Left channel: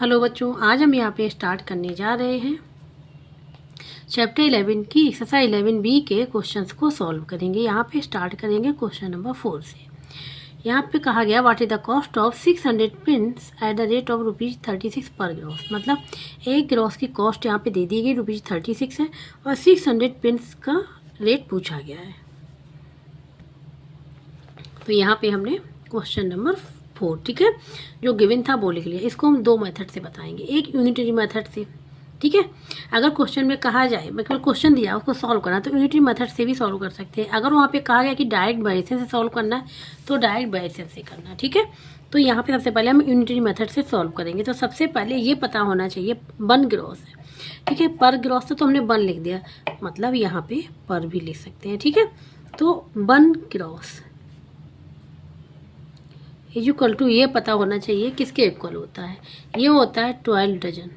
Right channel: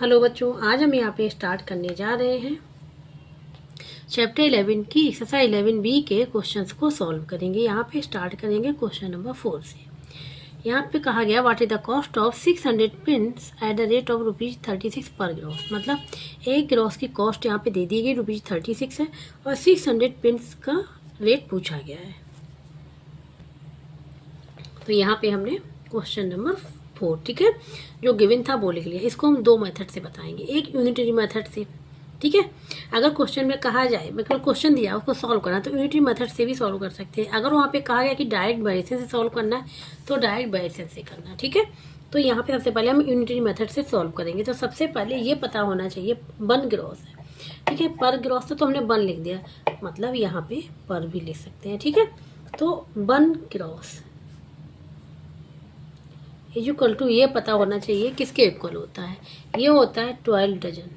Hello बच्चों, आज हम यहाँ पे स्टार्ट करने जा रहे हैं चैप्टर 11 की एक्सरसाइज 11B के क्वेश्चंस को सॉल्व करेंगे। यहाँ पे स्टार्ट करेंगे क्वेश्चन नंबर 4 से। यहाँ पे कहा गया what is the cost of 600 pins at the rate of ₹36 पर ग्रॉस। मतलब एक ग्रॉस की कॉस्ट यहाँ पे दे दी गई ₹36 है और 600 पिन्स का रेट पूछा गया है। तो यहाँ पे हमने क्वेश्चन नंबर 4, ठीक है, जो गिवन था वो लिख लिया। इसको हम दो मेथड से बताएंगे, एक यूनिटरी मेथड से, ठीक है। अगर क्वेश्चन में कहा जाए, मतलब क्वेश्चन दिया उसको सॉल्व करना, तो यूनिटरी मेथड से भी सॉल्व कर सकते हैं। अगर वहाँ पे कहा गया कि डायरेक्ट वेरिएशन से सॉल्व करना है तो डायरेक्ट वेरिएशन से करना, ठीक है। तो यहाँ पे सबसे पहले हम यूनिटरी मेथड से सॉल्व करेंगे। तो सबसे पहले ये पता होना चाहिए वन ग्रॉस है, ठीक है। पर ग्रॉस तो हमने वन लिख दिया, मतलब यहाँ पे पर भी लिख सकते हैं, ठीक है। तो वन ग्रॉस इक्वल टू, ये पता होना चाहिए किसके इक्वल होता है, ये होता है 12 dozen.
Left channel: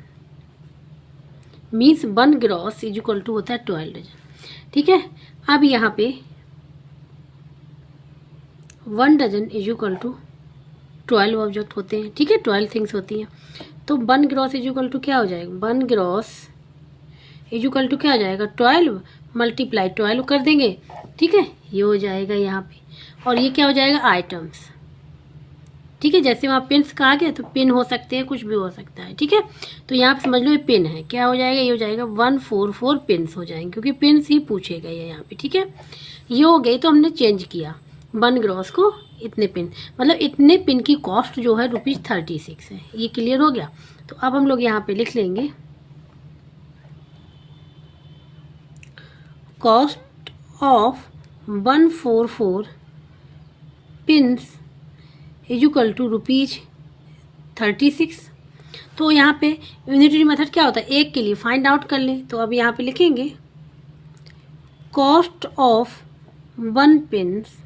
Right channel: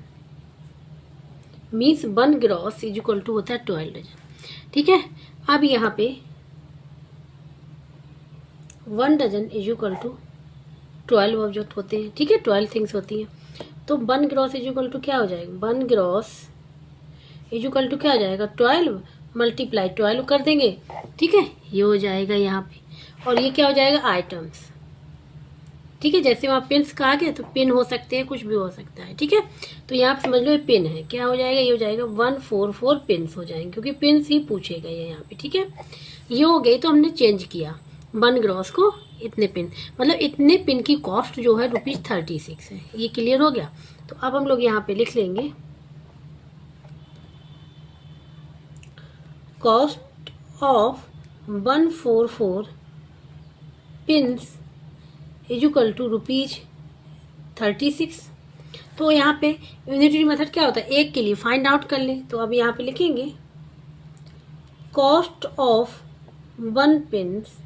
Means one gross equal to होता है 12 डजन, ठीक है। अब यहाँ पे 1 डजन इक्वल टू 12 ऑब्जेक्ट होते हैं, ठीक है, 12 थिंग्स होती हैं। तो वन ग्रॉस इक्वल टू क्या हो जाएगा, वन ग्रॉस इक्वल टू क्या हो जाएगा, 12 मल्टीप्लाई 12 कर देंगे, ठीक है, ये हो जाएगा यहाँ पे। और ये क्या हो जाएगा, आइटम्स, ठीक है। जैसे वहाँ पिन्स कहा गया तो पिन हो सकते हैं, कुछ भी हो सकता है, ठीक है। तो यहाँ पे समझ लो ये पिन है, क्या हो जाएगा, ये हो जाएगा 144 पिन्स हो जाएंगे, क्योंकि पिन्स ही पूछे गए हैं यहाँ पे, ठीक है। ये हो गई, तो हमने चेंज किया वन ग्रॉस को इतने पिन, मतलब इतने पिन की कॉस्ट जो है ₹36 है। ये क्लियर हो गया। तो अब हम लोग यहाँ पे लिख लेंगे cost of 144 pins equal to ₹36। तो यहाँ पे यूनिटरी मेथड क्या होता है, एक के लिए फाइंड आउट कर लें। तो अब यहाँ पे लिखेंगे cost of one pins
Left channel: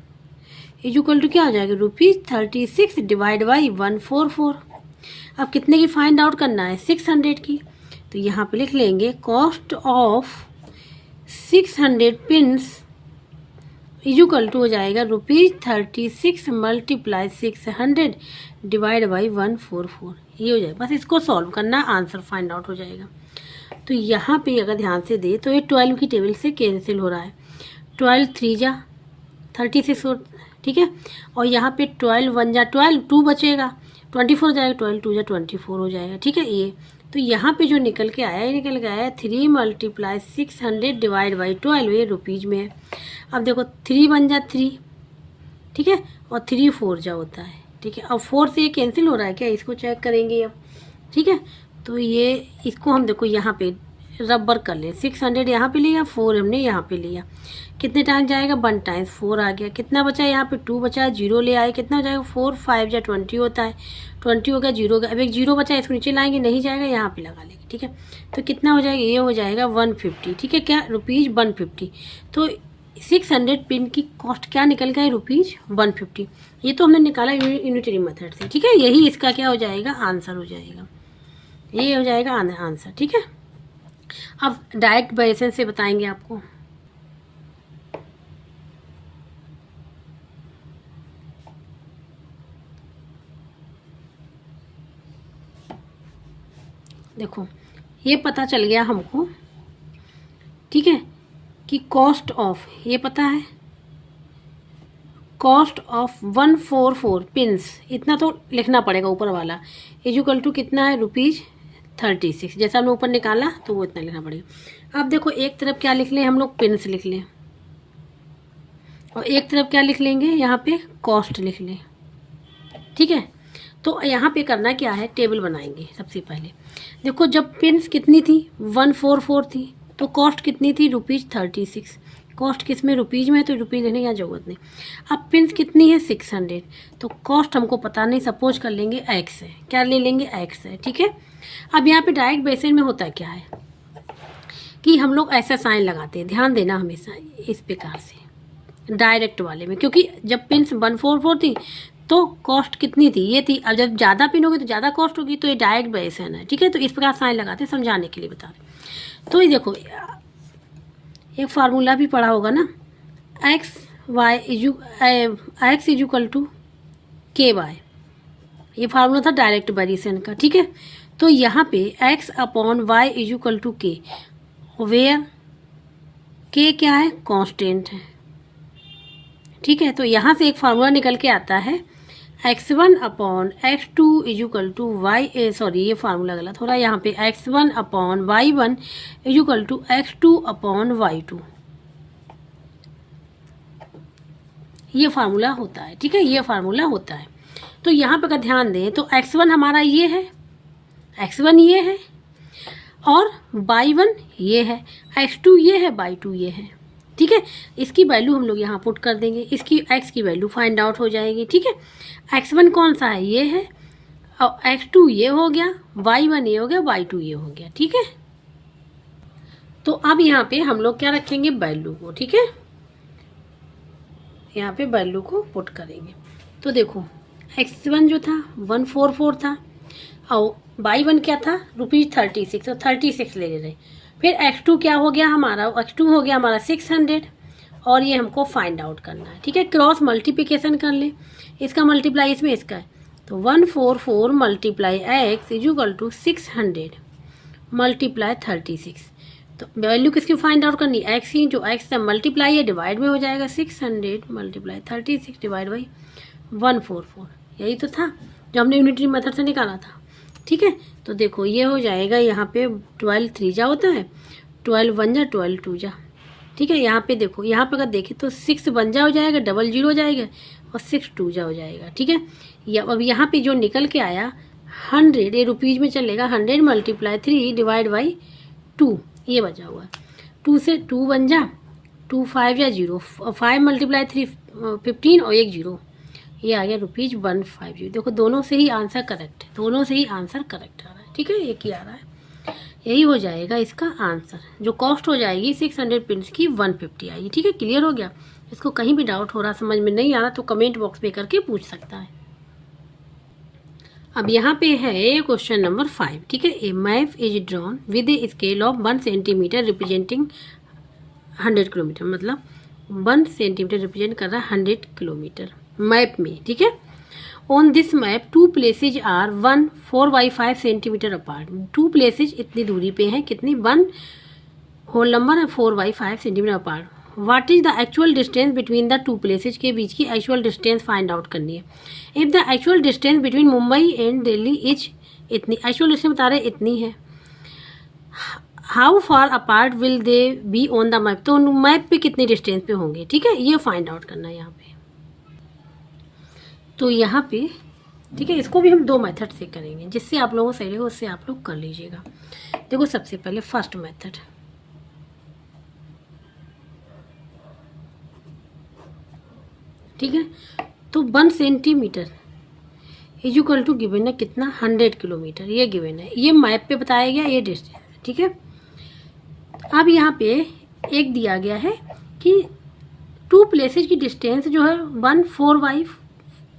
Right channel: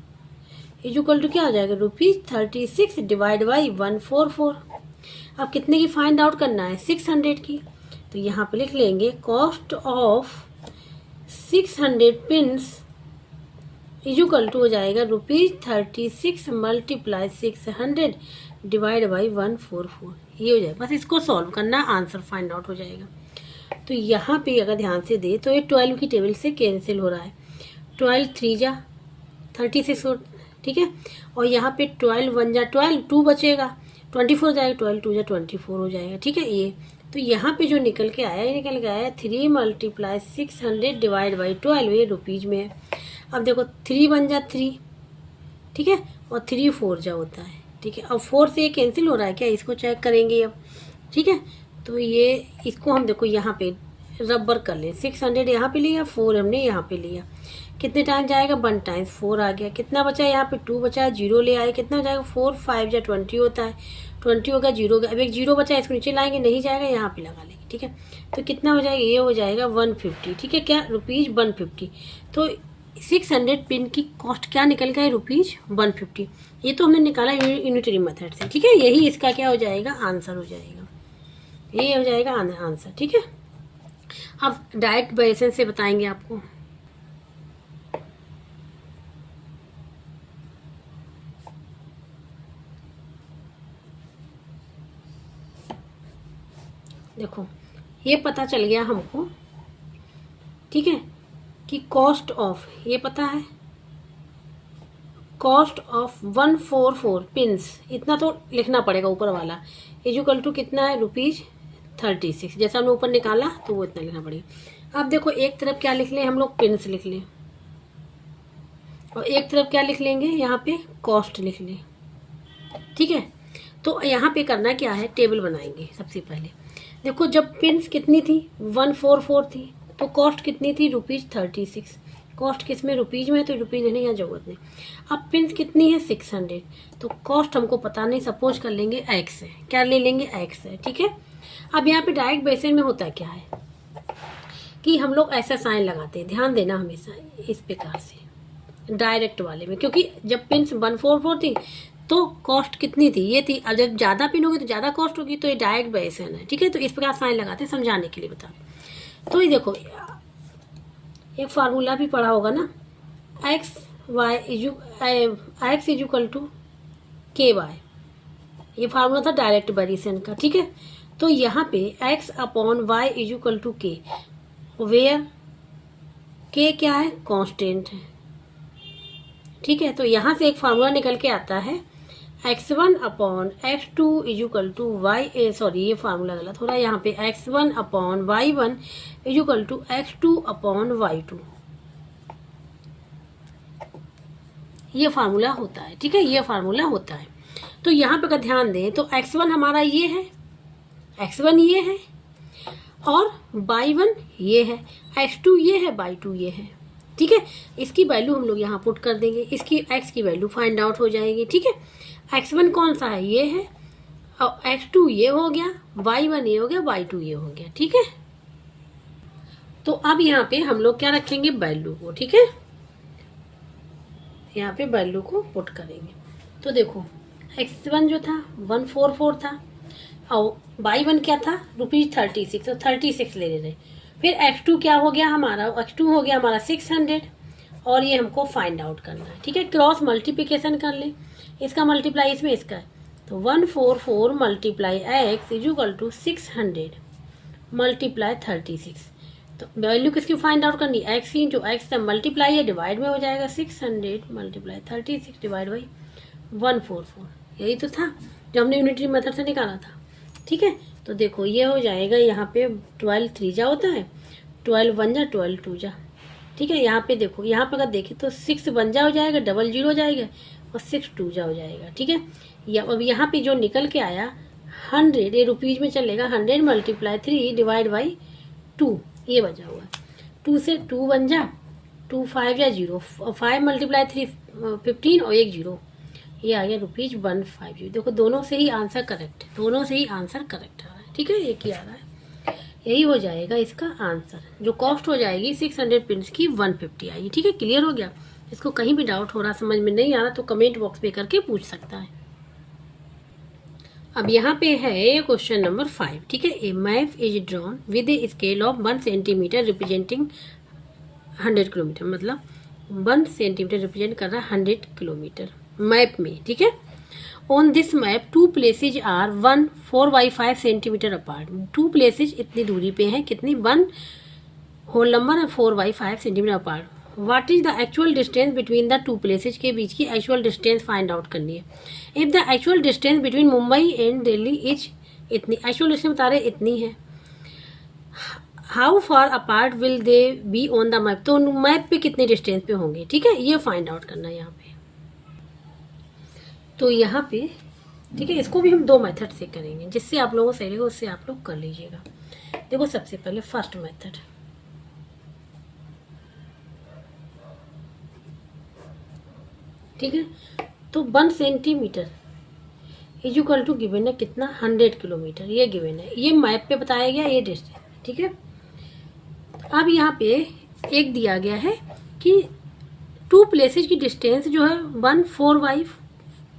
equal to क्या हो जाएगा, ₹36 डिवाइड बाई 144। अब कितने की फाइंड आउट करना है, 600 की। तो यहाँ पे लिख लेंगे cost of 600 pins equal to हो जाएगा ₹36 मल्टीप्लाई 600 डिवाइड बाई 144। ये हो जाएगा, बस इसको सॉल्व करना, आंसर फाइंड आउट हो जाएगा। तो यहाँ पे अगर ध्यान से दे तो ये 12 की टेबल से कैंसिल हो रहा है, 12 3 जा 36 हो, ठीक है। और यहाँ पे 12 1 जा 12, 2 बचेगा, 24 हो जाएगा, 12 2 जा 24 हो जाएगा, ठीक है। ये तो यहाँ पे जो निकल के आया, ये निकल के आया 3 मल्टीप्लाई 600 डिवाइड बाई 12, ये रुपीज में है। अब देखो 3 1 जा 3, ठीक है, और 3 4 जा होता है, ठीक है। अब 4 से ये कैंसिल हो रहा है क्या, इसको चेक करेंगे अब, ठीक है। तो ये इसको हम देखो यहाँ पे रबर कर ले, 600 यहाँ पे लिया, 4 हमने यहाँ पे लिया, कितने टाइम जाएगा, 1 टाइम्स 4 आ गया, कितना बचा यहाँ पे 2 बचा, 0 ले आए, कितना हो जाएगा 4 5 जा 20 होता है, 20 हो गया, 0 हो गया। अब एक 0 बचा, इसको नीचे लाएंगे, नहीं जाएगा, यहाँ पे लगा लेंगे, ठीक है। तो कितना हो जाएगा, ये हो जाएगा 150, ठीक है, क्या ₹150। तो 600 पिन की कॉस्ट क्या निकल गया, ₹150। ये तो हमने निकाला यूनिटरी मेथड से, ठीक है। यही इसका क्या हो जाएगा, आंसर हो जाएगा, ये हो जाएगा आंसर, ठीक है। अब डायरेक्ट वेरिएशन से बताएंगे आपको। देखो ये पता चल गया हमको, ठीक है, कि कॉस्ट ऑफ, ये पता है कॉस्ट ऑफ 144 पिन्स, इतना तो लिखना पड़ेगा ऊपर वाला, इक्वल टू कितना है, ₹36। जैसा हमने ऊपर निकाला तो वो इतना लिखना पड़ेगा। अब देखो एक तरफ क्या लिख लें हम लोग, पिन्स लिख लें, और एक तरफ क्या लिख लेंगे, यहाँ पे कॉस्ट लिख लें, ठीक है। तो यहाँ पे करना क्या है, टेबल बनाएंगे सबसे पहले। देखो जब पिन्स कितनी थी, 144 थी, तो कॉस्ट कितनी थी, ₹36। कॉस्ट किस में, रुपीज में, तो रुपीज लेने की जरूरत नहीं। अब पिन्स कितनी है, 600, तो कॉस्ट हमको पता नहीं, सपोज कर लेंगे x है, क्या ले लेंगे, x है, ठीक है। अब यहाँ पे डायरेक्ट बेसिस में होता क्या है कि हम लोग ऐसा साइन लगाते हैं, ध्यान देना हमेशा इस प्रकार से डायरेक्ट वाले में, क्योंकि जब पिन्स 144 थी तो कॉस्ट कितनी थी, ये थी। अब जब ज़्यादा पिन होगी तो ज़्यादा कॉस्ट होगी, तो ये डायरेक्ट वेरिएशन है, ठीक है। तो इस प्रकार साइन लगाते हैं, समझाने के लिए बता रहे। तो ये देखो एक फार्मूला भी पढ़ा होगा ना, x इक्वल टू KY, ये फार्मूला था डायरेक्ट वेरिएशन का, ठीक है। तो यहाँ पे x upon Y is equal to K, where K क्या है, कांस्टेंट है। ठीक है, तो यहाँ से एक फार्मूला निकल के आता है x1 upon x2 is equal to Y, sorry ये फार्मूला गलत हो रहा है, यहाँ पे x1 upon y1 is equal to x2 upon y2, ये फार्मूला होता है। ठीक है, ये फार्मूला होता है। तो यहाँ पे अगर ध्यान दें तो x1 हमारा ये है, x1 ये है, और y1 ये है, x2 ये है, y2 ये है। ठीक है, इसकी वैल्यू हम लोग यहाँ पुट कर देंगे, इसकी x की वैल्यू फाइंड आउट हो जाएगी। ठीक है, x1 कौन सा है, ये है, और x2 ये हो गया, y1 ये हो गया, y2 ये हो गया। ठीक है, तो अब यहाँ पे हम लोग क्या रखेंगे, वैल्यू को। ठीक है, यहाँ पे वैल्यू को पुट करेंगे। तो देखो x1 जो था 144 था, और y1 क्या था ₹36, तो 36 ले रहे। फिर x2 क्या हो गया हमारा, x2 हो गया हमारा 600, और ये हमको फाइंड आउट करना है। ठीक है, क्रॉस मल्टीप्लिकेशन कर ले, इसका मल्टीप्लाई इसमें इसका है, तो 144 multiply x is equal to 600 multiply 36। तो वैल्यू किसकी फाइंड आउट करनी, x की, जो x का मल्टीप्लाई है डिवाइड में हो जाएगा, 600 मल्टीप्लाई 36 डिवाइड बाई 144, यही तो था जो हमने यूनिटरी मेथड से निकाला था। ठीक है, तो देखो ये हो जाएगा, यहाँ पे 12 3 जा होता है, 12 1 जा, 12 2 जा। ठीक है, यहाँ पे देखो, यहाँ पे अगर देखें तो 6 1 जा हो जाएगा, 00 हो जाएगा, और 6 2 जा हो जाएगा। ठीक है, या अब यहाँ पे जो निकल के आया 100, ये रुपीज में चलेगा, 100 मल्टीप्लाई 3 डिवाइड बाई 2, ये बचा हुआ है। 2 से 2 बन जा, 2 5 या 0, 5 मल्टीप्लाई 3 15, और 1 0, ये आ गया ₹150। देखो दोनों से ही आंसर करेक्ट है, दोनों से ही आंसर करेक्ट आ रहा है। ठीक है, एक ही आ रहा है, यही हो जाएगा इसका आंसर। जो कॉस्ट हो जाएगी 600 पिन्स की 150 आएगी। ठीक है, क्लियर हो गया। इसको कहीं भी डाउट हो रहा, समझ में नहीं आ रहा, तो कमेंट बॉक्स में करके पूछ सकता है। अब यहाँ पे है क्वेश्चन नंबर 5। ठीक है, a map is drawn with a scale of 1 centimetre representing 100 kilometre, मतलब 1 सेंटीमीटर रिप्रेजेंट कर रहा है 100 किलोमीटर मैप में। ठीक है, on this map 2 places are 1 4 by 5 centimetre apart. 2 places इतनी दूरी पे हैं, कितनी, 1 होल नंबर है 4 by 5 centimetre apart. What is the actual distance between the 2 places, के बीच की एक्चुअल डिस्टेंस फाइंड आउट करनी है। If the actual distance between Mumbai and Delhi is इतनी, एक्चुअल डिस्टेंस बता रहे इतनी है, how far apart will they be on the map, तो मैप पे कितने डिस्टेंस पे होंगे। ठीक है, ये फाइंड आउट करना है यहाँ पे। तो यहाँ पे ठीक है, इसको भी हम 2 मेथड से करेंगे, जिससे आप लोगों को सही रहेगा उससे आप लोग कर लीजिएगा। देखो सबसे पहले फर्स्ट मेथड, ठीक है, तो 1 centimetre is equal to given है कितना, 100 किलोमीटर, ये गिवन है, ये मैप पे बताया गया, ये डिस्टेंस। ठीक है, अब यहाँ पे एक दिया गया है कि 2 प्लेसेज की डिस्टेंस जो है 1 4 बाई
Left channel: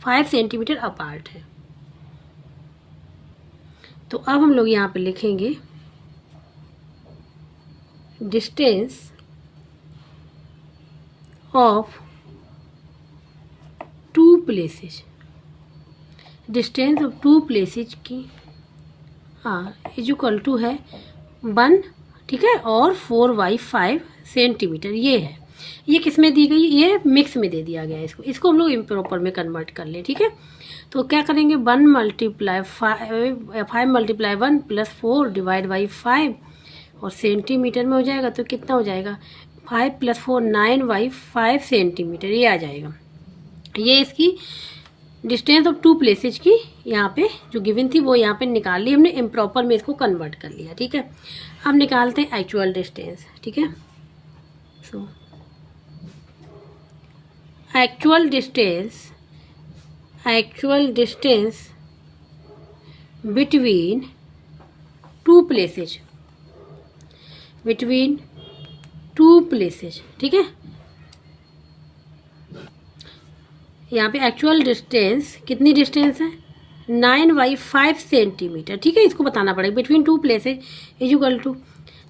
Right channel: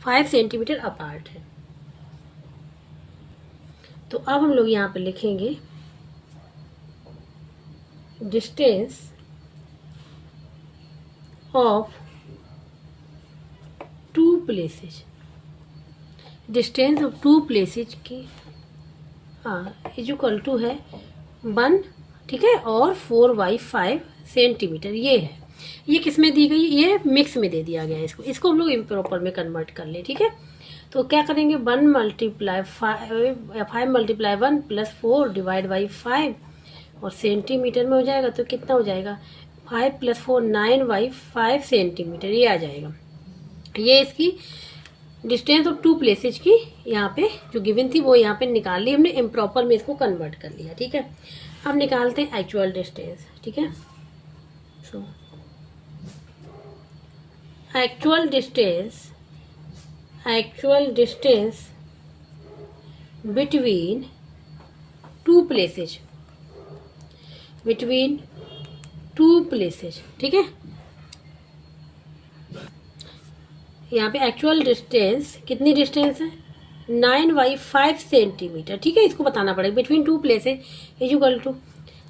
5 सेंटीमीटर अपार्ट है। तो अब हम लोग यहाँ पे लिखेंगे distance of 2 places, distance of 2 places की इज इक्वल टू है 1, ठीक है, और 4 बाई 5 सेंटीमीटर, ये है। ये किस में दी गई, ये मिक्स में दे दिया गया है, इसको हम लोग इम्प्रॉपर में कन्वर्ट कर ले। ठीक है, तो क्या करेंगे, 1 multiply 5 multiply 1 plus 4 divide by 5, और सेंटीमीटर में हो जाएगा तो कितना हो जाएगा, 5 + 4 9 बाई 5 सेंटीमीटर, ये आ जाएगा। ये इसकी डिस्टेंस ऑफ 2 प्लेसेज की यहाँ पे जो गिवन थी वो यहाँ पे निकाल ली हमने, इम्प्रॉपर में इसको कन्वर्ट कर लिया। ठीक है, अब निकालते हैं एक्चुअल डिस्टेंस। ठीक है, so actual distance between 2 places, ठीक है, यहाँ पे एक्चुअल डिस्टेंस कितनी डिस्टेंस है, 9 बाई 5 सेंटीमीटर। ठीक है, इसको बताना पड़ेगा, between 2 places is equal to,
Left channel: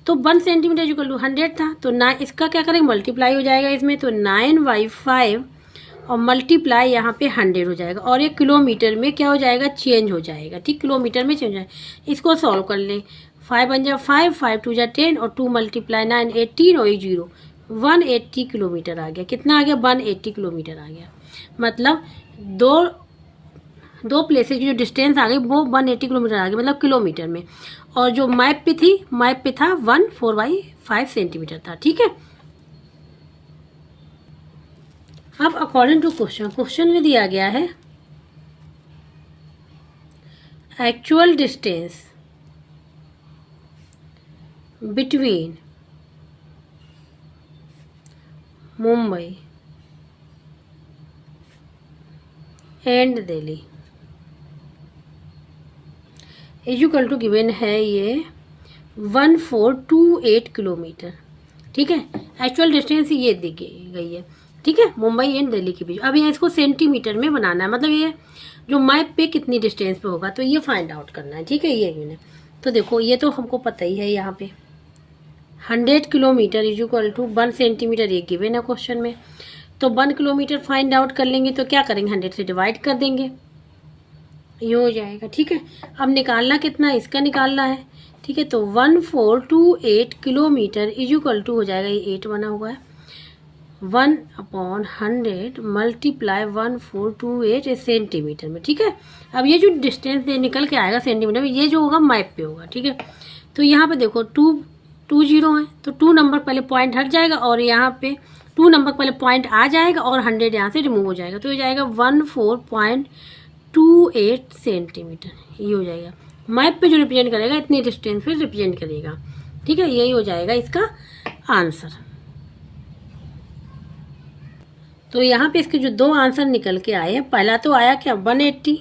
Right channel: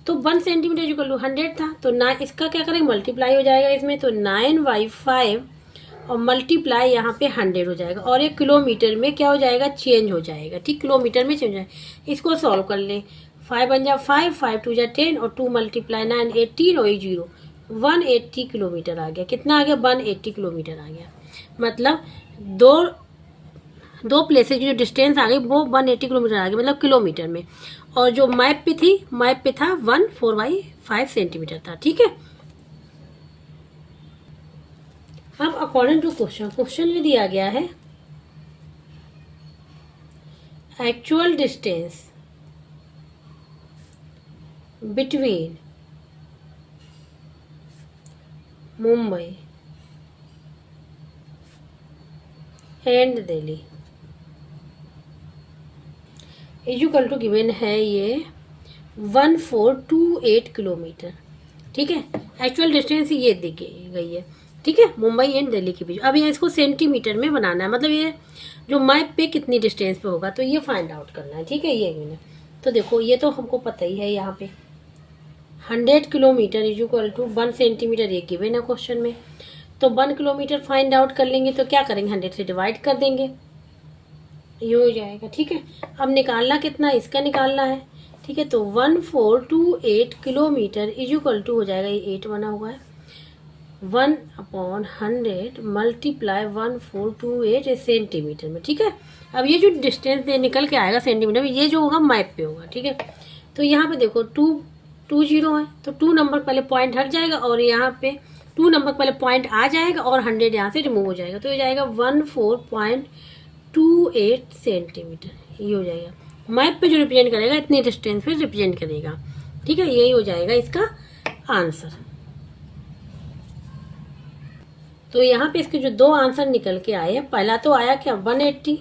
तो 1 सेंटीमीटर इज इक्वल टू 100 था, तो ना इसका क्या करेंगे, मल्टीप्लाई हो जाएगा इसमें, तो 9 बाई 5 और मल्टीप्लाई यहाँ पे 100 हो जाएगा और ये किलोमीटर में क्या हो जाएगा, चेंज हो जाएगा। ठीक, किलोमीटर में चेंज हो जाएगा। इसको सॉल्व कर लें, 5 1 जा 5, 5 2 जा 10 और 2 मल्टीप्लाई 9 18 और 0 180 किलोमीटर आ गया। कितना आ गया, 180 किलोमीटर आ गया। मतलब दो प्लेसेज की जो डिस्टेंस आ गई वो 180 किलोमीटर आ गई, मतलब किलोमीटर में। और जो मैप पे था 14/5 सेंटीमीटर था। ठीक है, अब अकॉर्डिंग टू क्वेश्चन में दिया गया है actual distance between Mumbai and Delhi equal to given है ये 1428 किलोमीटर। ठीक है, एक्चुअल डिस्टेंस ये दी गई है। ठीक है, मुंबई एंड दिल्ली के बीच। अब ये इसको सेंटीमीटर में बनाना है, मतलब ये जो मैप पे कितनी डिस्टेंस पे होगा तो ये फाइंड आउट करना है। ठीक है, ये गिवन है। तो देखो ये तो हमको पता ही है, यहाँ पे 100 किलोमीटर इक्वल टू 1 सेंटीमीटर ये गिवन है क्वेश्चन में। तो 1 किलोमीटर फाइंड आउट कर लेंगे तो क्या करेंगे, 100 से डिवाइड कर देंगे, ये हो जाएगा। ठीक है, अब निकालना कितना, इसका निकालना है। ठीक है, तो 1428 किलोमीटर इक्वल टू हो जाएगा, ये 8 बना हुआ है, 1/100 मल्टीप्लाई 1428 सेंटीमीटर में। ठीक है, अब ये जो डिस्टेंस निकल के आएगा सेंटीमीटर में, ये जो होगा मैप पे होगा। ठीक है, तो यहाँ पे देखो 2 0 है तो 2 नंबर पहले पॉइंट हट जाएगा और यहाँ पे 2 नंबर पहले पॉइंट आ जाएगा और 100 यहाँ से रिमूव हो जाएगा, तो हो जाएगा 1428 सेंटीमीटर। ये हो जाएगा, मैप पे जो रिप्रेजेंट करेगा इतनी डिस्टेंस पे रिप्रेजेंट करेगा। ठीक है, यही हो जाएगा इसका आंसर। तो यहाँ पे इसके जो 2 आंसर निकल के आए हैं, पहला तो आया क्या 180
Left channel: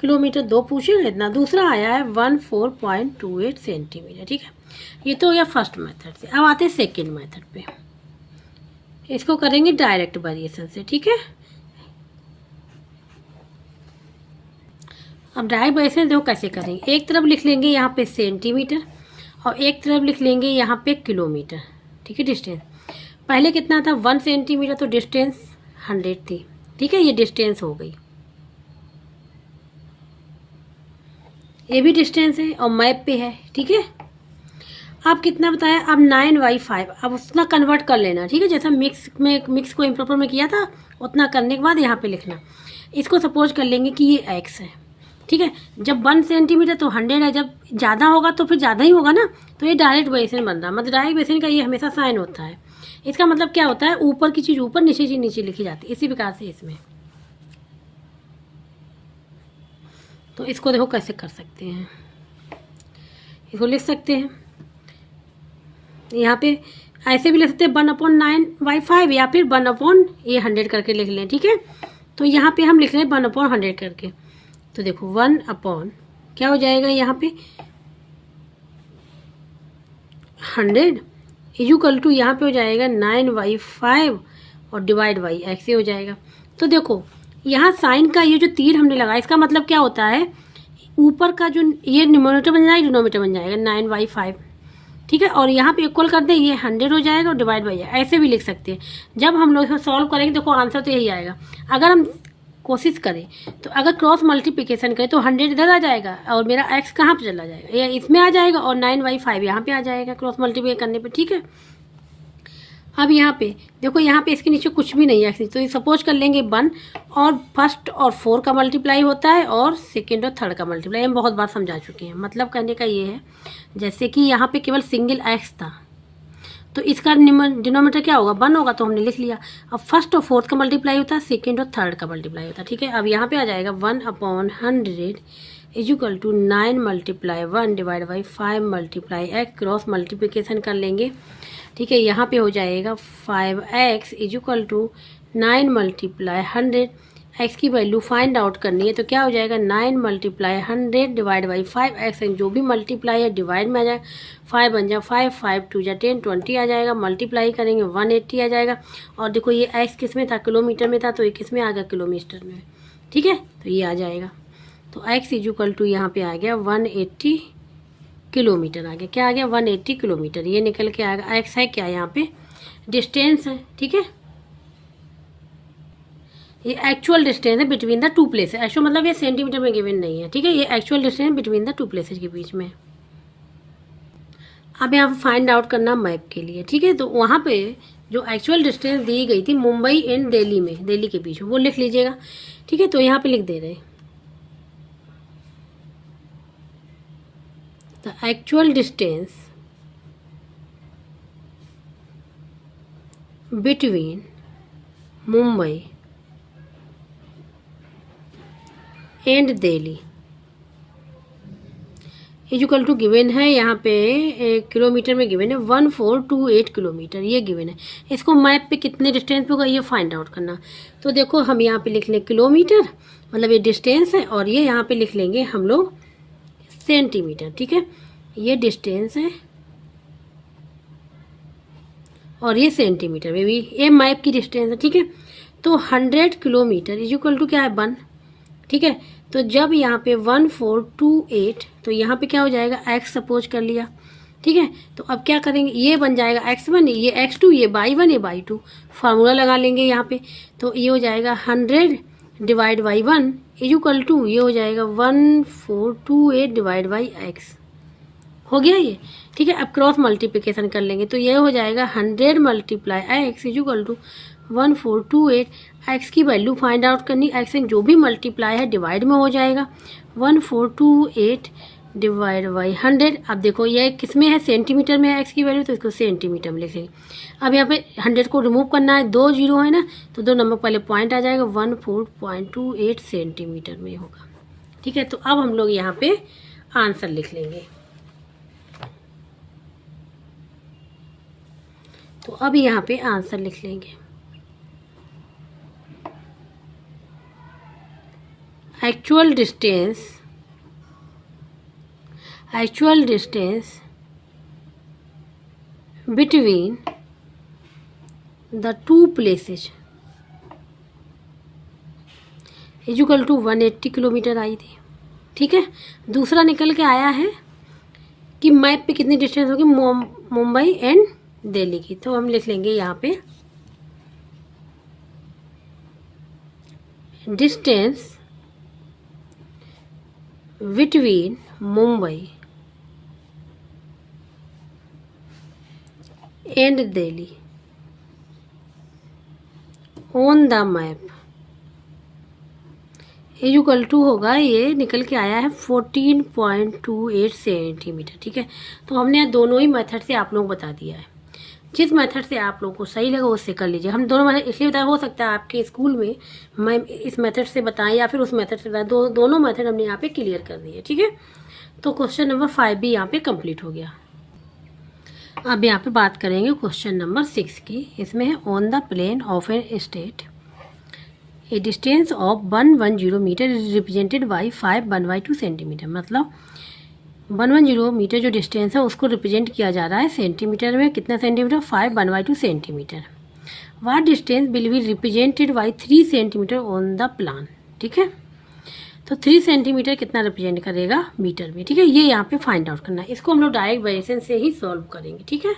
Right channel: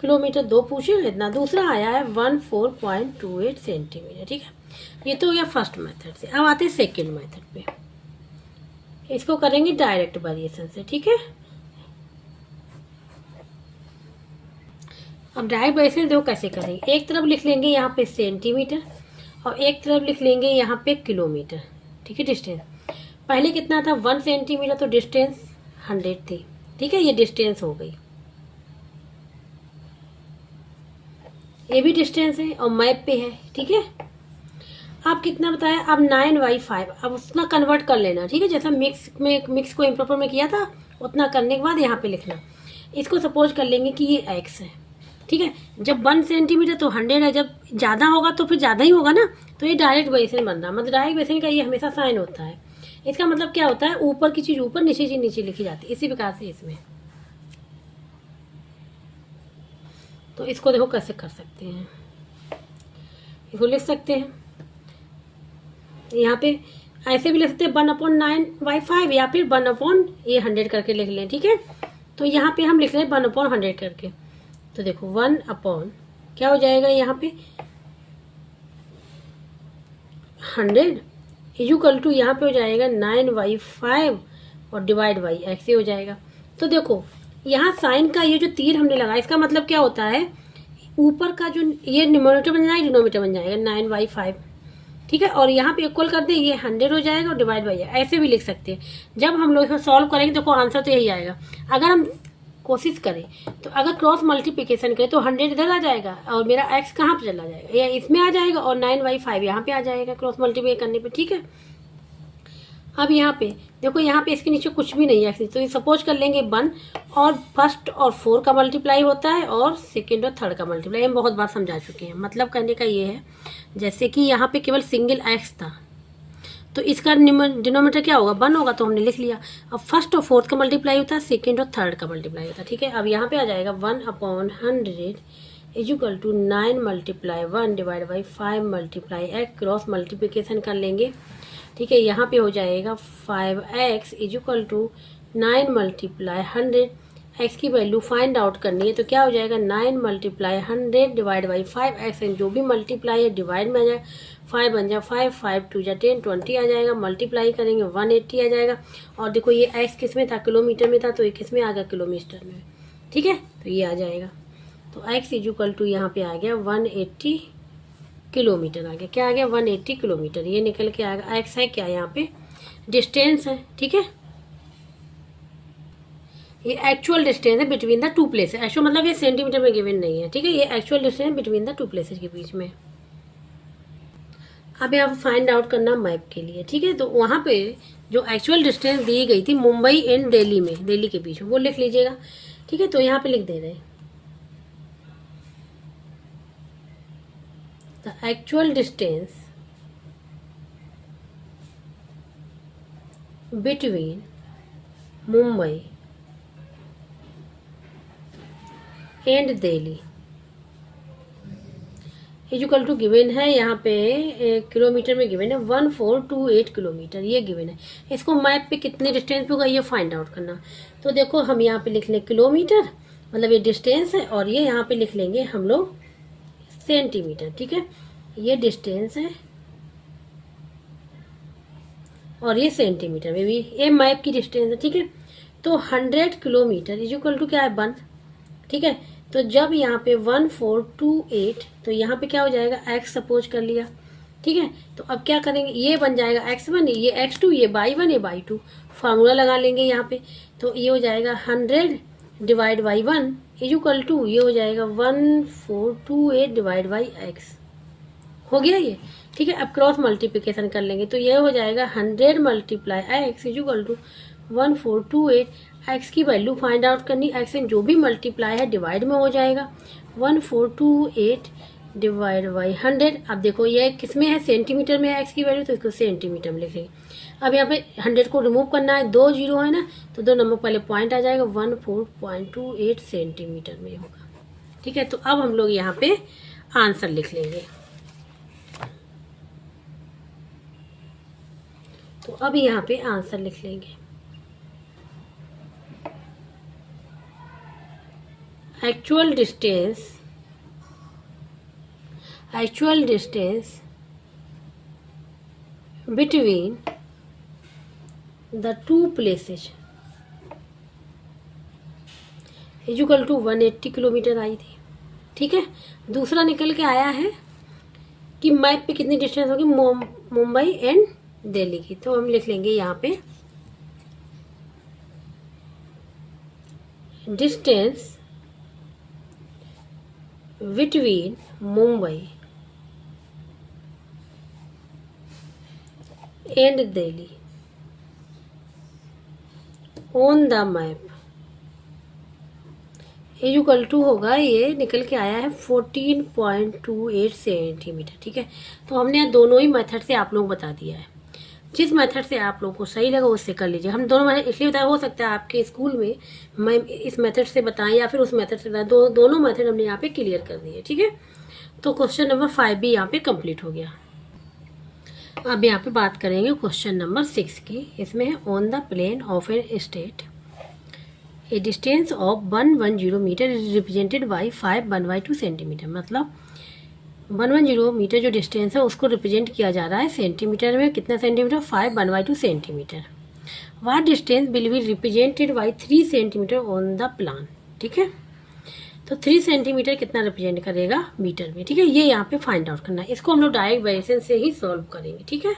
किलोमीटर, 2 पूछे इतना, दूसरा आया है 1428 सेंटीमीटर। ठीक है, ये तो हो गया फर्स्ट मेथड से। अब आते हैं सेकेंड मेथड पे, इसको करेंगे डायरेक्ट वेरिएशन से। ठीक है, अब डायरेक्ट वेरिएशन देखो कैसे करेंगे, एक तरफ लिख लेंगे यहाँ पे सेंटीमीटर और एक तरफ लिख लेंगे यहाँ पे किलोमीटर। ठीक है, डिस्टेंस पहले कितना था 1 सेंटीमीटर, तो डिस्टेंस 100 थी। ठीक है, ये डिस्टेंस हो गई, ये भी डिस्टेंस है और मैप पे है। ठीक है, अब कितना बताया, अब 9/5, अब उतना कन्वर्ट कर लेना। ठीक है, जैसा मिक्स को इम्प्रॉपर में किया था उतना करने के बाद यहाँ पे लिखना। इसको सपोज कर लेंगे कि ये x है। ठीक है, जब 1 सेंटीमीटर तो 100 है, जब ज़्यादा होगा तो फिर ज़्यादा ही होगा ना, तो ये डायरेक्ट वेरिएशन बन रहा है। मतलब डायरेक्ट वेरिएशन का ये हमेशा साइन होता है। इसका मतलब क्या होता है, ऊपर की चीज़ ऊपर, नीचे चीज़ नीचे लिखी जाती है, इसी प्रकार से इसमें। तो इसको देखो कैसे कर सकते हैं, इसको लिख सकते हैं यहाँ पे ऐसे भी लिख सकते हैं 1/9/5 या फिर 1/100 करके लिख लें। ठीक है, तो यहाँ पे हम लिख रहे हैं 1/100 करके। तो देखो 1/ क्या हो जाएगा यहाँ पे 100 इक्वल टू यहाँ पे हो जाएगा 9/5 और डिवाइड बाई x हो जाएगा। तो देखो यहाँ साइन का ये जो तीर हमने लगाया, इसका मतलब क्या होता है, ऊपर का जो ये न्यूमरेटर बन जाएगा, डिनोमिनेटर बन जाएगा 9/5। ठीक है, और यहाँ पे इक्वल कर दे, ये 100 हो जाएगा और डिवाइड बाई, ऐसे भी लिख सकते हैं। जब हम लोग इसको सॉल्व करेंगे देखो आंसर तो यही आएगा। अगर हम कोशिश करें तो अगर क्रॉस मल्टीप्लिकेशन करें तो 100 इधर आ जाएगा और मेरा x कहाँ पे चला जाएगा, या इसमें आ जाएगा और 9/5 यहाँ पे आ जाएगा क्रॉस मल्टीप्लाई करने पे। ठीक है, अब यहाँ पे देखो, यहाँ पे इसके नीचे कुछ भी नहीं है, तो ये सपोज कर लेंगे 1 और फर्स्ट और 4 का मल्टीप्लाई होता है और सेकेंड और थर्ड का मल्टीप्लाई, हम बहुत बार समझा चुके हैं। मतलब कहने का ये है, जैसे कि यहाँ पे केवल सिंगल x था तो इसका डिनोमिनेटर क्या होगा 1 होगा, तो हमने लिख लिया। अब फर्स्ट और फोर्थ का मल्टीप्लाई होता है, सेकेंड और थर्ड का मल्टीप्लाई होता है। ठीक है, अब यहाँ पे आ जाएगा 1/100 equal to 9 × 1 divide by 5 × x, cross multiplication कर लेंगे। ठीक है, यहाँ पे हो जाएगा 5x इक्वल टू 9 × 100, x की वैल्यू फाइंड आउट करनी है तो क्या हो जाएगा 9 × 100 डिवाइड बाई 5x, जो भी मल्टीप्लाई है डिवाइड में आ जाएगा, 5 बन जाए 5, 5 2 जा 10, 20 आ जाएगा, मल्टीप्लाई करेंगे 180 आ जाएगा। और देखो ये x किस में था, किलोमीटर में था, तो ये किस में आ गया, किलोमीटर में। ठीक है, तो ये आ जाएगा, तो x इक्वल टू यहाँ पे आ गया 180 किलोमीटर आ गया। क्या आ गया 180 किलोमीटर, ये निकल के आएगा। x है क्या यहाँ पे, डिस्टेंस है। ठीक है, ये एक्चुअल डिस्टेंस है between the to places. Actual मतलब ये सेंटीमीटर में गिवन नहीं है, ठीक है, ये actual distance between the to places के बीच में। अब यहाँ फाइंड आउट करना मैप के लिए, ठीक है। तो वहाँ पे जो एक्चुअल डिस्टेंस दी गई थी मुंबई एंड दिल्ली में, दिल्ली के बीच में, वो लिख लीजिएगा, ठीक है। तो यहाँ पे लिख दे रहे हैं the actual distance between Mumbai and Delhi equal to given है यहाँ पे किलोमीटर में गिवन है 1428 किलोमीटर, ये गिवन है। इसको मैप पे कितने डिस्टेंस होगा ये फाइंड आउट करना। तो देखो हम यहाँ पे लिख लें किलोमीटर, मतलब ये डिस्टेंस है, और ये यहाँ पे लिख लेंगे हम लोग सेंटीमीटर, ठीक है। ये डिस्टेंस है और ये सेंटीमीटर में भी, ये मैप की डिस्टेंस है, ठीक है। तो 100 किलोमीटर इक्वल टू क्या है 1, ठीक है। तो जब यहाँ पे 1428, तो यहाँ पे क्या हो जाएगा x सपोज कर लिया, ठीक है। तो अब क्या करेंगे, ये बन जाएगा x1, ये x2, ये y1, ये y2, फार्मूला लगा लेंगे यहाँ पे। तो ये हो जाएगा 100 डिवाइड बाई 1 इक्वल टू ये हो जाएगा 1428 डिवाइड बाई x, हो गया ये, ठीक है। अब क्रॉस मल्टीप्लिकेशन कर लेंगे तो ये हो जाएगा 100 multiply x equal to 1428। x की वैल्यू फाइंड आउट करनी, x से जो भी मल्टीप्लाई है डिवाइड में हो जाएगा 1428 डिवाइड बाई 100। अब देखो ये किस में है, सेंटीमीटर में है x की वैल्यू, तो इसको सेंटीमीटर में लिख लेंगे। अब यहाँ पे 100 को रिमूव करना है, 2 जीरो है ना, तो 2 नंबर पहले पॉइंट आ जाएगा, 14.28 सेंटीमीटर में होगा, ठीक है। तो अब हम लोग यहाँ पे आंसर लिख लेंगे। तो अब यहाँ पे आंसर लिख लेंगे, actual distance between the two places equal to 180 kilometre आई थी, ठीक है। दूसरा निकल के आया है कि मैप पे कितनी डिस्टेंस होगी मुंबई एंड दिल्ली की। तो हम लिख लेंगे यहाँ पे distance between Mumbai and Delhi on the map equal to होगा, ये निकल के आया है 14.28 सेंटीमीटर, ठीक है। तो हमने दोनों ही मेथड से आप लोग बता दिया है, जिस मेथड से आप लोगों को सही लगा उससे कर लीजिए। हम दोनों मेथड इसलिए बताया, हो सकता है आपके स्कूल में मैं इस मेथड से बताएं या फिर उस मेथड से बताएं, दोनों मेथड हमने यहाँ पे क्लियर कर दिए, ठीक है। तो क्वेश्चन नंबर 5 भी यहाँ पे कंप्लीट हो गया। अब यहाँ पे बात करेंगे क्वेश्चन नंबर 6 की। इसमें है on the plane of an state a distance of 110 metre is represented by 5/2 centimetre. मतलब 110 मीटर जो डिस्टेंस है उसको रिप्रेजेंट किया जा रहा है सेंटीमीटर में, कितना centimetre, 5/2 centimetre. What distance will be represented by 3 centimetre on the plan, ठीक है। तो 3 सेंटीमीटर कितना रिप्रेजेंट करेगा मीटर में, ठीक है। ये यहाँ पे फाइंड आउट करना है, इसको हम लोग डायरेक्ट वेरिएशन से ही सॉल्व करेंगे, ठीक है।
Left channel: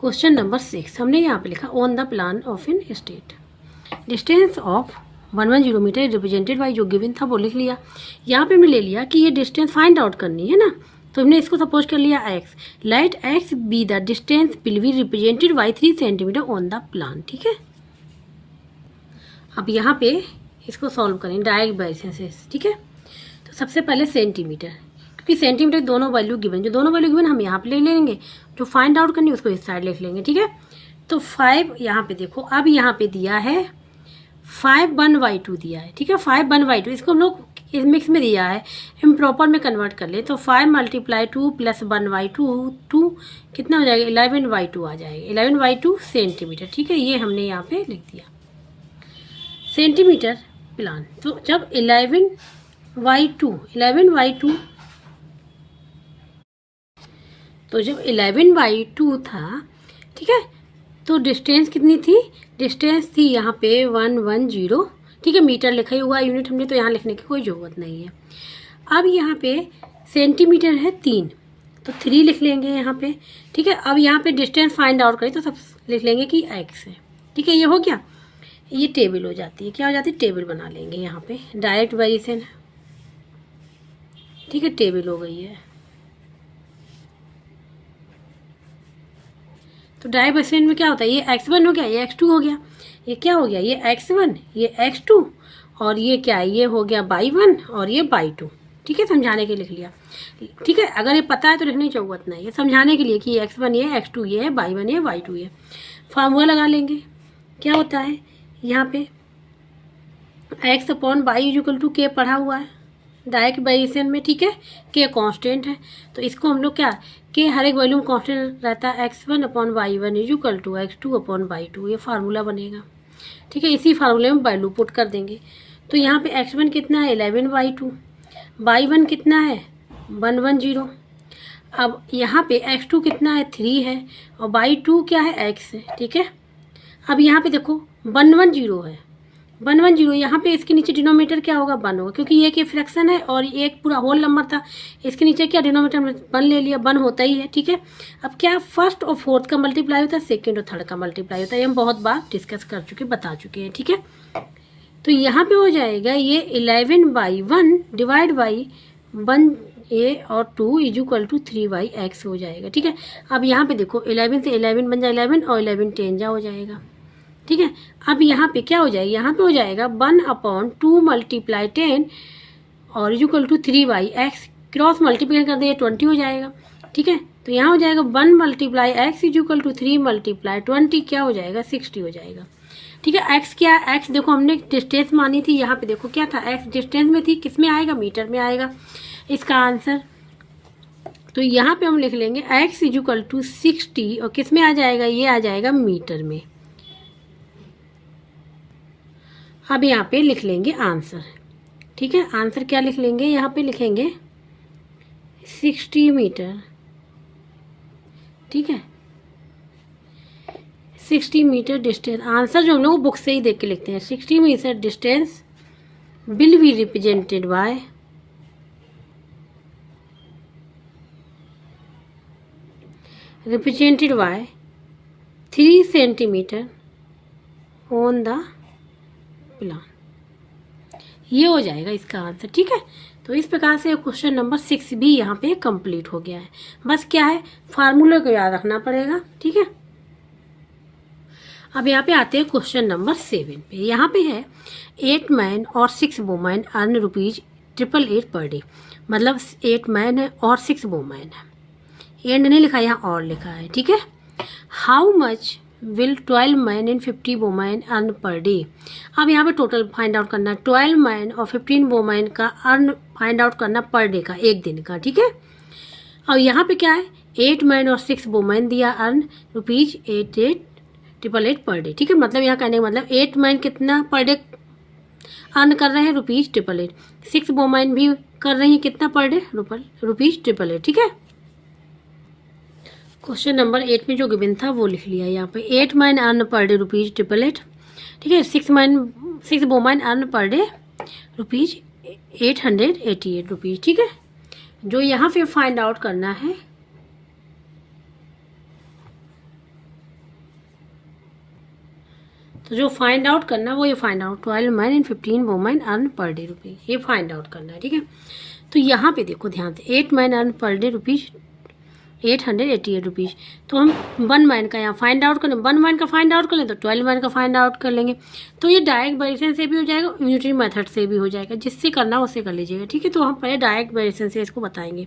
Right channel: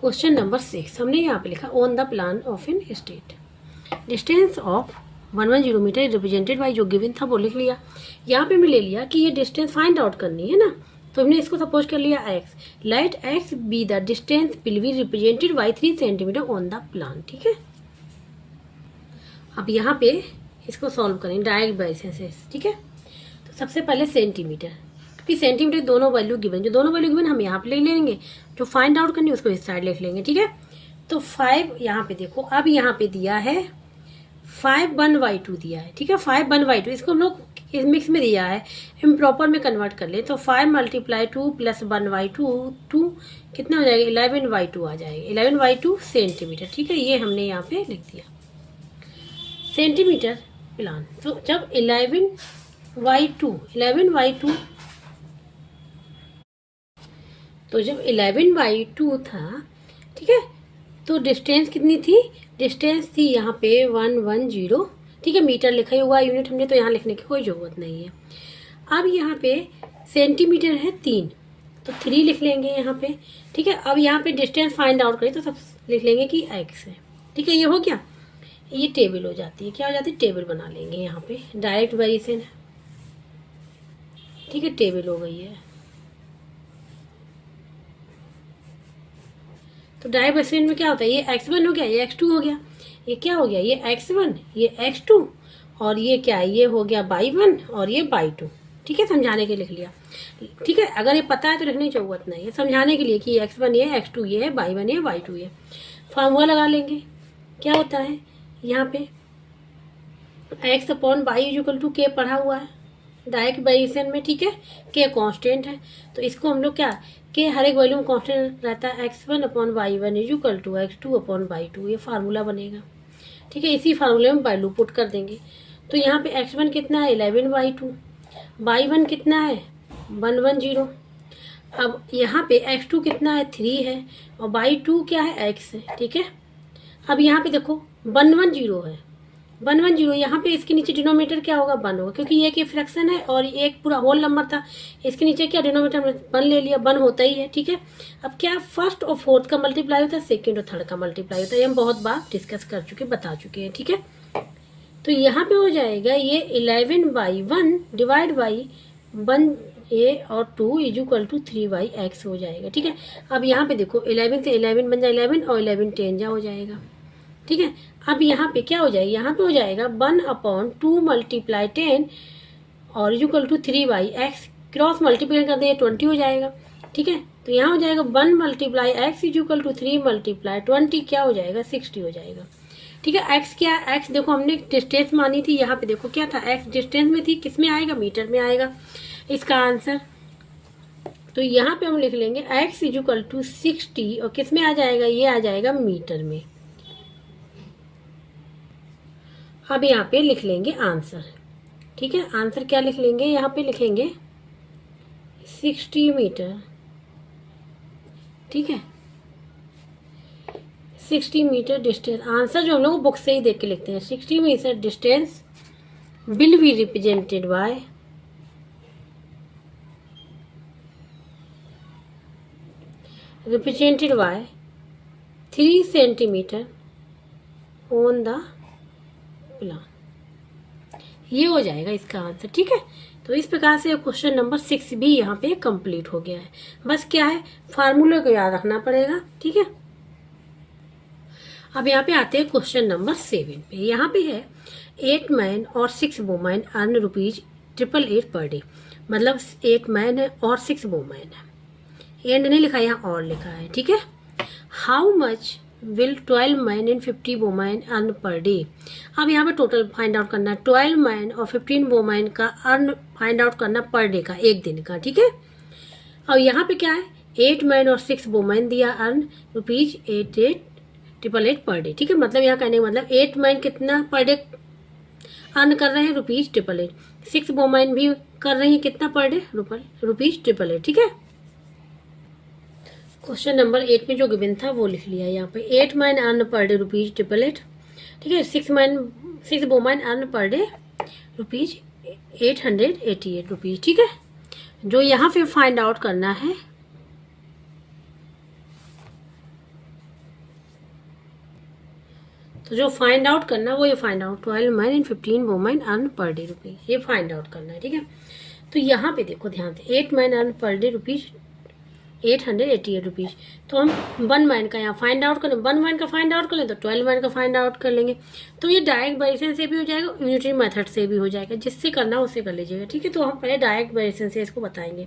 क्वेश्चन नंबर 6 हमने यहाँ पे लिखा on the plan of an state distance of 110 metre represented by, जो गिवन था वो लिख लिया। यहाँ पे हमने ले लिया कि ये डिस्टेंस फाइंड आउट करनी है ना, तो हमने इसको सपोज कर लिया x, let x be the distance will be represented by 3 centimetre on the plan, ठीक है। अब यहाँ पे इसको सॉल्व करें डायरेक्ट वेरिएशन से, ठीक है। तो सबसे पहले सेंटीमीटर, क्योंकि सेंटीमीटर दोनों वैल्यू गिवन, जो दोनों वैल्यू गिवन हम यहाँ पे ले लेंगे, जो फाइंड आउट करनी है उसको इस साइड लिख लेंगे, ठीक है। तो 5 यहाँ पे देखो, अब यहाँ पे दिया है 5/2 दिया है, ठीक है। 5/2 इसको हम लोग इस मिक्स में दिया है, इम्प्रॉपर में कन्वर्ट कर ले तो 5 × 2 + 1/2 2 कितना हो जाएगा, 11/2 आ जाएगा, 11/2 सेंटीमीटर, ठीक है। ये हमने यहाँ पे लिख दिया सेंटीमीटर प्लान। तो जब 11/2 तो जब 11/2 था, ठीक है, तो डिस्टेंस कितनी थी, डिस्टेंस थी यहाँ पे 110, ठीक है। मीटर लिखा ही हुआ यूनिट हमने, तो यहाँ लिखने की कोई ज़रूरत नहीं है। अब यहाँ पे सेंटीमीटर है 3, तो 3 लिख लेंगे यहाँ पे, ठीक है। अब यहाँ पे डिस्टेंस फाइंड आउट करें तो सब लिख लेंगे कि x है, ठीक है। ये हो गया, ये टेबल हो जाती है, क्या हो जाती है, टेबल बना लेंगे यहाँ पे, डायरेक्ट वेरिएशन है, ठीक है, टेबल हो गई है। तो डायरेक्ट वेरिएशन में क्या होता है, ये x1 हो गया, ये x2 हो गया, ये क्या हो गया, ये x1, ये x2, और ये क्या है, ये हो गया y1 और ये y2, ठीक है, समझाने के लिए लिख लिया, ठीक है। अगर ये पता है तो लिखने की जरूरत नहीं है, समझाने के लिए कि x1 ये x2 ये है, y1 ये y2 ये। फार्मूला लगा लेंगे, क्या होता है यहाँ पे x upon Y equal to K पढ़ा हुआ है डायरेक्ट वेरिएशन में, ठीक है, के कांस्टेंट है, तो इसको हम लोग क्या, के हर एक वैल्यू में कांस्टेंट रहता है, x1 upon y1 equal to x2 upon y2, ये फार्मूला बनेगा, ठीक है। इसी फार्मूले में वैल्यू पुट कर देंगे। तो यहाँ पे x1 कितना है 11/2, y1 कितना है 110, अब यहाँ पे x2 कितना है 3 है, और y2 क्या है x है, ठीक है। अब यहाँ पे देखो 110 है, 110, यहाँ पे इसके नीचे डिनोमिनेटर क्या होगा 1 होगा, क्योंकि ये एक फ्रैक्शन है और ये एक पूरा होल नंबर था, इसके नीचे क्या डिनोमिनेटर 1 ले लिया, 1 होता ही है, ठीक है। अब क्या फर्स्ट और फोर्थ का मल्टीप्लाई होता है, सेकेंड और थर्ड का मल्टीप्लाई होता है, ये हम बहुत बार डिस्कस कर चुके, बता चुके हैं, ठीक है। तो यहाँ पे हो जाएगा ये 11/1 डिवाइड बाई 1a और 2 इक्वल टू 3/x हो जाएगा, ठीक है। अब यहाँ पे देखो 11 से 11 बन जाए 11 और 11 10 जा हो जाएगा, ठीक है। अब यहाँ पे क्या हो जाएगा, यहाँ पे हो जाएगा 1/2 मल्टीप्लाई 10 और equal to 3/x, cross multiply कर देंगे 20 हो जाएगा, ठीक है। तो यहाँ हो जाएगा 1 multiply x equal to 3 multiply 20, क्या हो जाएगा 60 हो जाएगा, ठीक है। x क्या है, x देखो हमने डिस्टेंस मानी थी, यहाँ पे देखो क्या था, x डिस्टेंस में थी, किस में आएगा, मीटर में आएगा इसका आंसर। तो यहाँ पे हम लिख लेंगे x इक्वल टू 60 और किस में आ जाएगा, ये आ जाएगा मीटर में। अब यहाँ पे लिख लेंगे आंसर, ठीक है। आंसर क्या लिख लेंगे, यहाँ पे लिखेंगे 60 मीटर, ठीक है, 60 मीटर डिस्टेंस। आंसर जो हम लोग बुक से ही देख के लिखते हैं, 60 metre distance will be represented by represented by 3 centimetre on the plan, ये हो जाएगा इसका आंसर, ठीक है। तो इस प्रकार से क्वेश्चन नंबर 6 भी यहाँ पे कंप्लीट हो गया है। बस क्या है, फार्मूले को याद रखना पड़ेगा, ठीक है। अब यहाँ पे आते हैं क्वेश्चन नंबर 7 पे। यहाँ पे है 8 मैन और 6 वुमेन अर्न ₹888 पर डे, मतलब 8 मैन है और 6 वुमेन है, एंड नहीं लिखा, यहाँ और लिखा है, ठीक है। How much will 12 man and 50 women earn per day. अब यहाँ पे टोटल फाइंड आउट करना है, 12 मैन और 15 वुमेन का अर्न फाइंड आउट करना पर डे का, एक दिन का, ठीक है। और यहाँ पे क्या है, 8 मैन और 6 वुमेन दिया अर्न ₹8888 पर डे, ठीक है। मतलब यहाँ कहने का मतलब 8 मैन कितना पर डे अर्न कर रहे हैं ₹888, 6 वुमेन भी कर रही है कितना पर डे ₹888, ठीक है। क्वेश्चन नंबर 8 में जो गिवन था वो लिख लिया यहाँ पे, 8 मैन अर्न पर डे ₹888, ठीक है। 6 वुमेन अर्न पर डे ₹888, ठीक है। जो यहाँ पे फाइंड आउट करना है, तो जो फाइंड आउट करना वो ये find out 12 man and 15 women earn per day ₹, ये फाइंड आउट करना है, ठीक है। तो यहाँ पे देखो ध्यान से, 8 मैन अर्न पर डे ₹888, तो हम 1 मैन का यहाँ फाइंड आउट करें, 1 मैन का फाइंड आउट कर लें तो 12 मैन का फाइंड आउट कर लेंगे। तो ये डायरेक्ट वेरिएशन से भी हो जाएगा, यूनिटरी मेथड से भी हो जाएगा, जिससे करना उससे कर लीजिएगा, ठीक है। तो हम पहले डायरेक्ट वेरिएशन से इसको बताएंगे।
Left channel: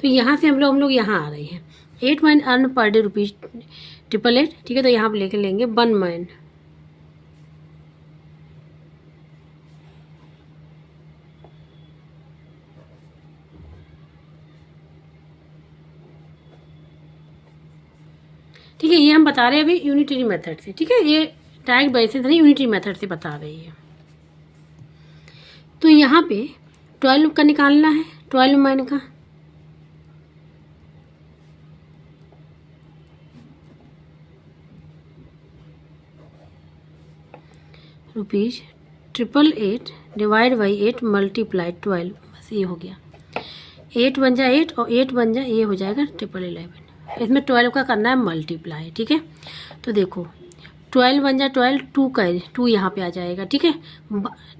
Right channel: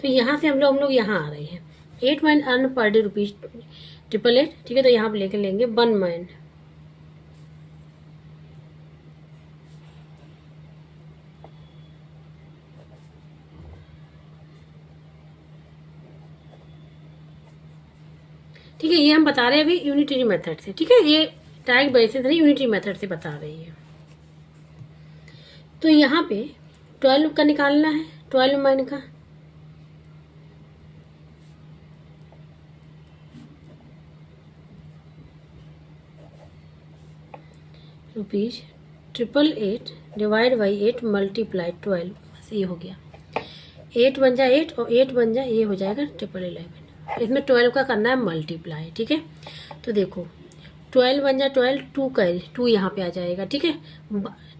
तो यहाँ से हम लोग यहाँ आ रहे हैं, 8 मैन अर्न पर डे ₹888, ठीक है। तो यहाँ पर लेके लेंगे 1 मैन, ठीक है। ये हम बता रहे हैं अभी यूनिटरी मेथड से, ठीक है। ये डायरेक्ट वेरिएशन नहीं, यूनिटरी मेथड से बता रही है। तो यहाँ पे 12 का निकालना है, 12 मैन का, ₹888 डिवाइड बाई 8 मल्टीप्लाई 12, बस ये हो गया, 8 बन जाए 8 और 8 बन जाए, ये हो जाएगा 1111। इसमें 12 का करना है मल्टीप्लाई, ठीक है। तो देखो 12 वन जा 12, 2 कैरी, 2 यहाँ पे आ जाएगा। ठीक है,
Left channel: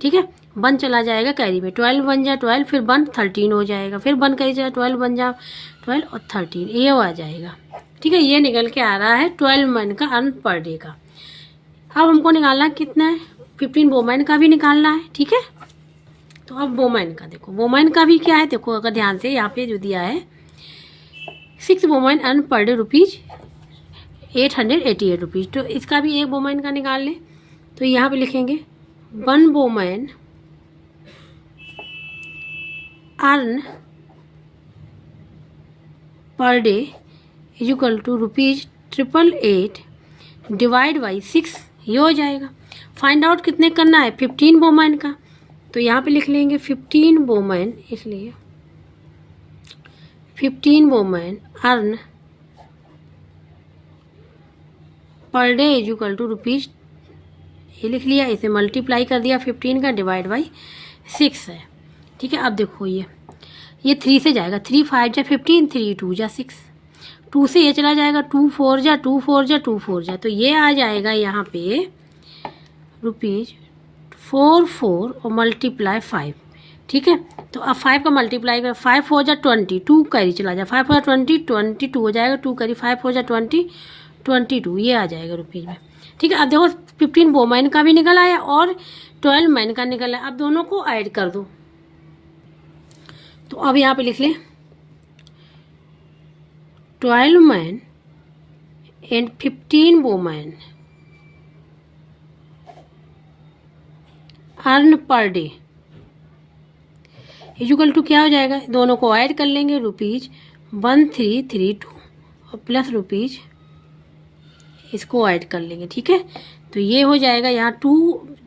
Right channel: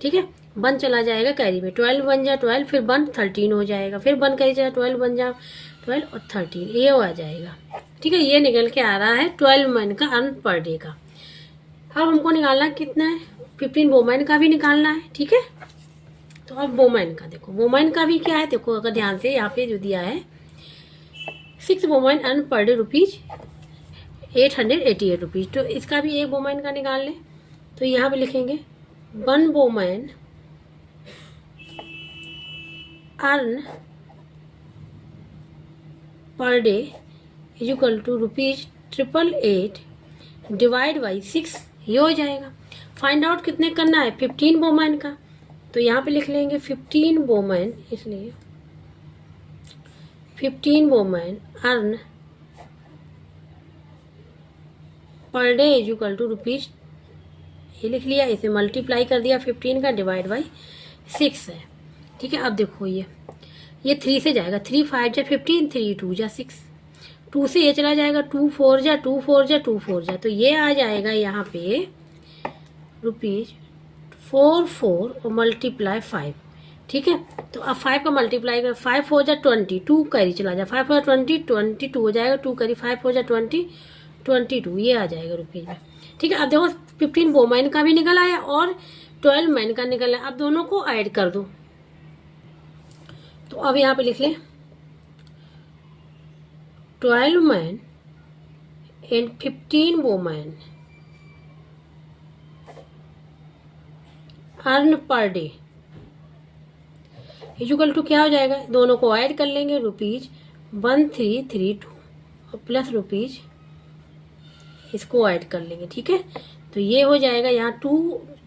ठीक है, 1 चला जाएगा कैरी में, 12 वन जा 12, फिर 1 13 हो जाएगा, फिर 1 कैरी चला, 12 वन जा 12 और 13, ये आ जाएगा। ठीक है, ये निकल के आ रहा है 12 मन का अर्न पर डे का। अब हमको निकालना है कितना है, 15 वोमेन का भी निकालना है। ठीक है, तो अब वोमेन का देखो, वोमेन का भी क्या है देखो, अगर ध्यान से यहाँ पे जो दिया है 6 women earn per day rupees 888 rupees, तो इसका भी एक वोमेन का निकाल लें। तो यहाँ पे लिखेंगे 1 women earn per day is equal to rupees 888 divide by 6, ये हो जाएगा। फाइंड आउट कितने करना है, 15 वोमेन का, तो यहाँ पे लिख लेंगे 15 वोमेन, इसलिए 15 women earn per day is equal to rupees, ये लिख लिया, इसे मल्टीप्लाई कर दिया 15 का, डिवाइड बाई 6 है। ठीक है, अब देखो ये 3 से जाएगा, 3 5 जा 15, 3 2 जा 6, 2 से ये चला जाएगा, 2 4 जा 2 4 जा 2 4 जा, तो ये आ जाएगा यहाँ पे रुपीज 4 4 और मल्टीप्लाई 5। ठीक है, तो अब 5 का मल्टीप्लाई कर, 5 4 जा 20, 2 कैरी चला जाए, 5 4 20, 22 हो जाएगा, 2 कैरी 5 4 जा 20, 22, ये आ जाएगा रुपीज में। ठीक है, अब देखो 15 वोमेन का भी निकल आया और 12 मैन का निकल आया, अब दोनों को ऐड कर दो। तो अब यहाँ पे लिख ले 12 man and 15 women earn per day equal to क्या हो जाएगा, दोनों को ऐड कर लेंगे, रुपीज 1332 और प्लस रुपीज इसको ऐड कर लेंगे। ठीक है, तो ये हो जाएगा यहाँ 2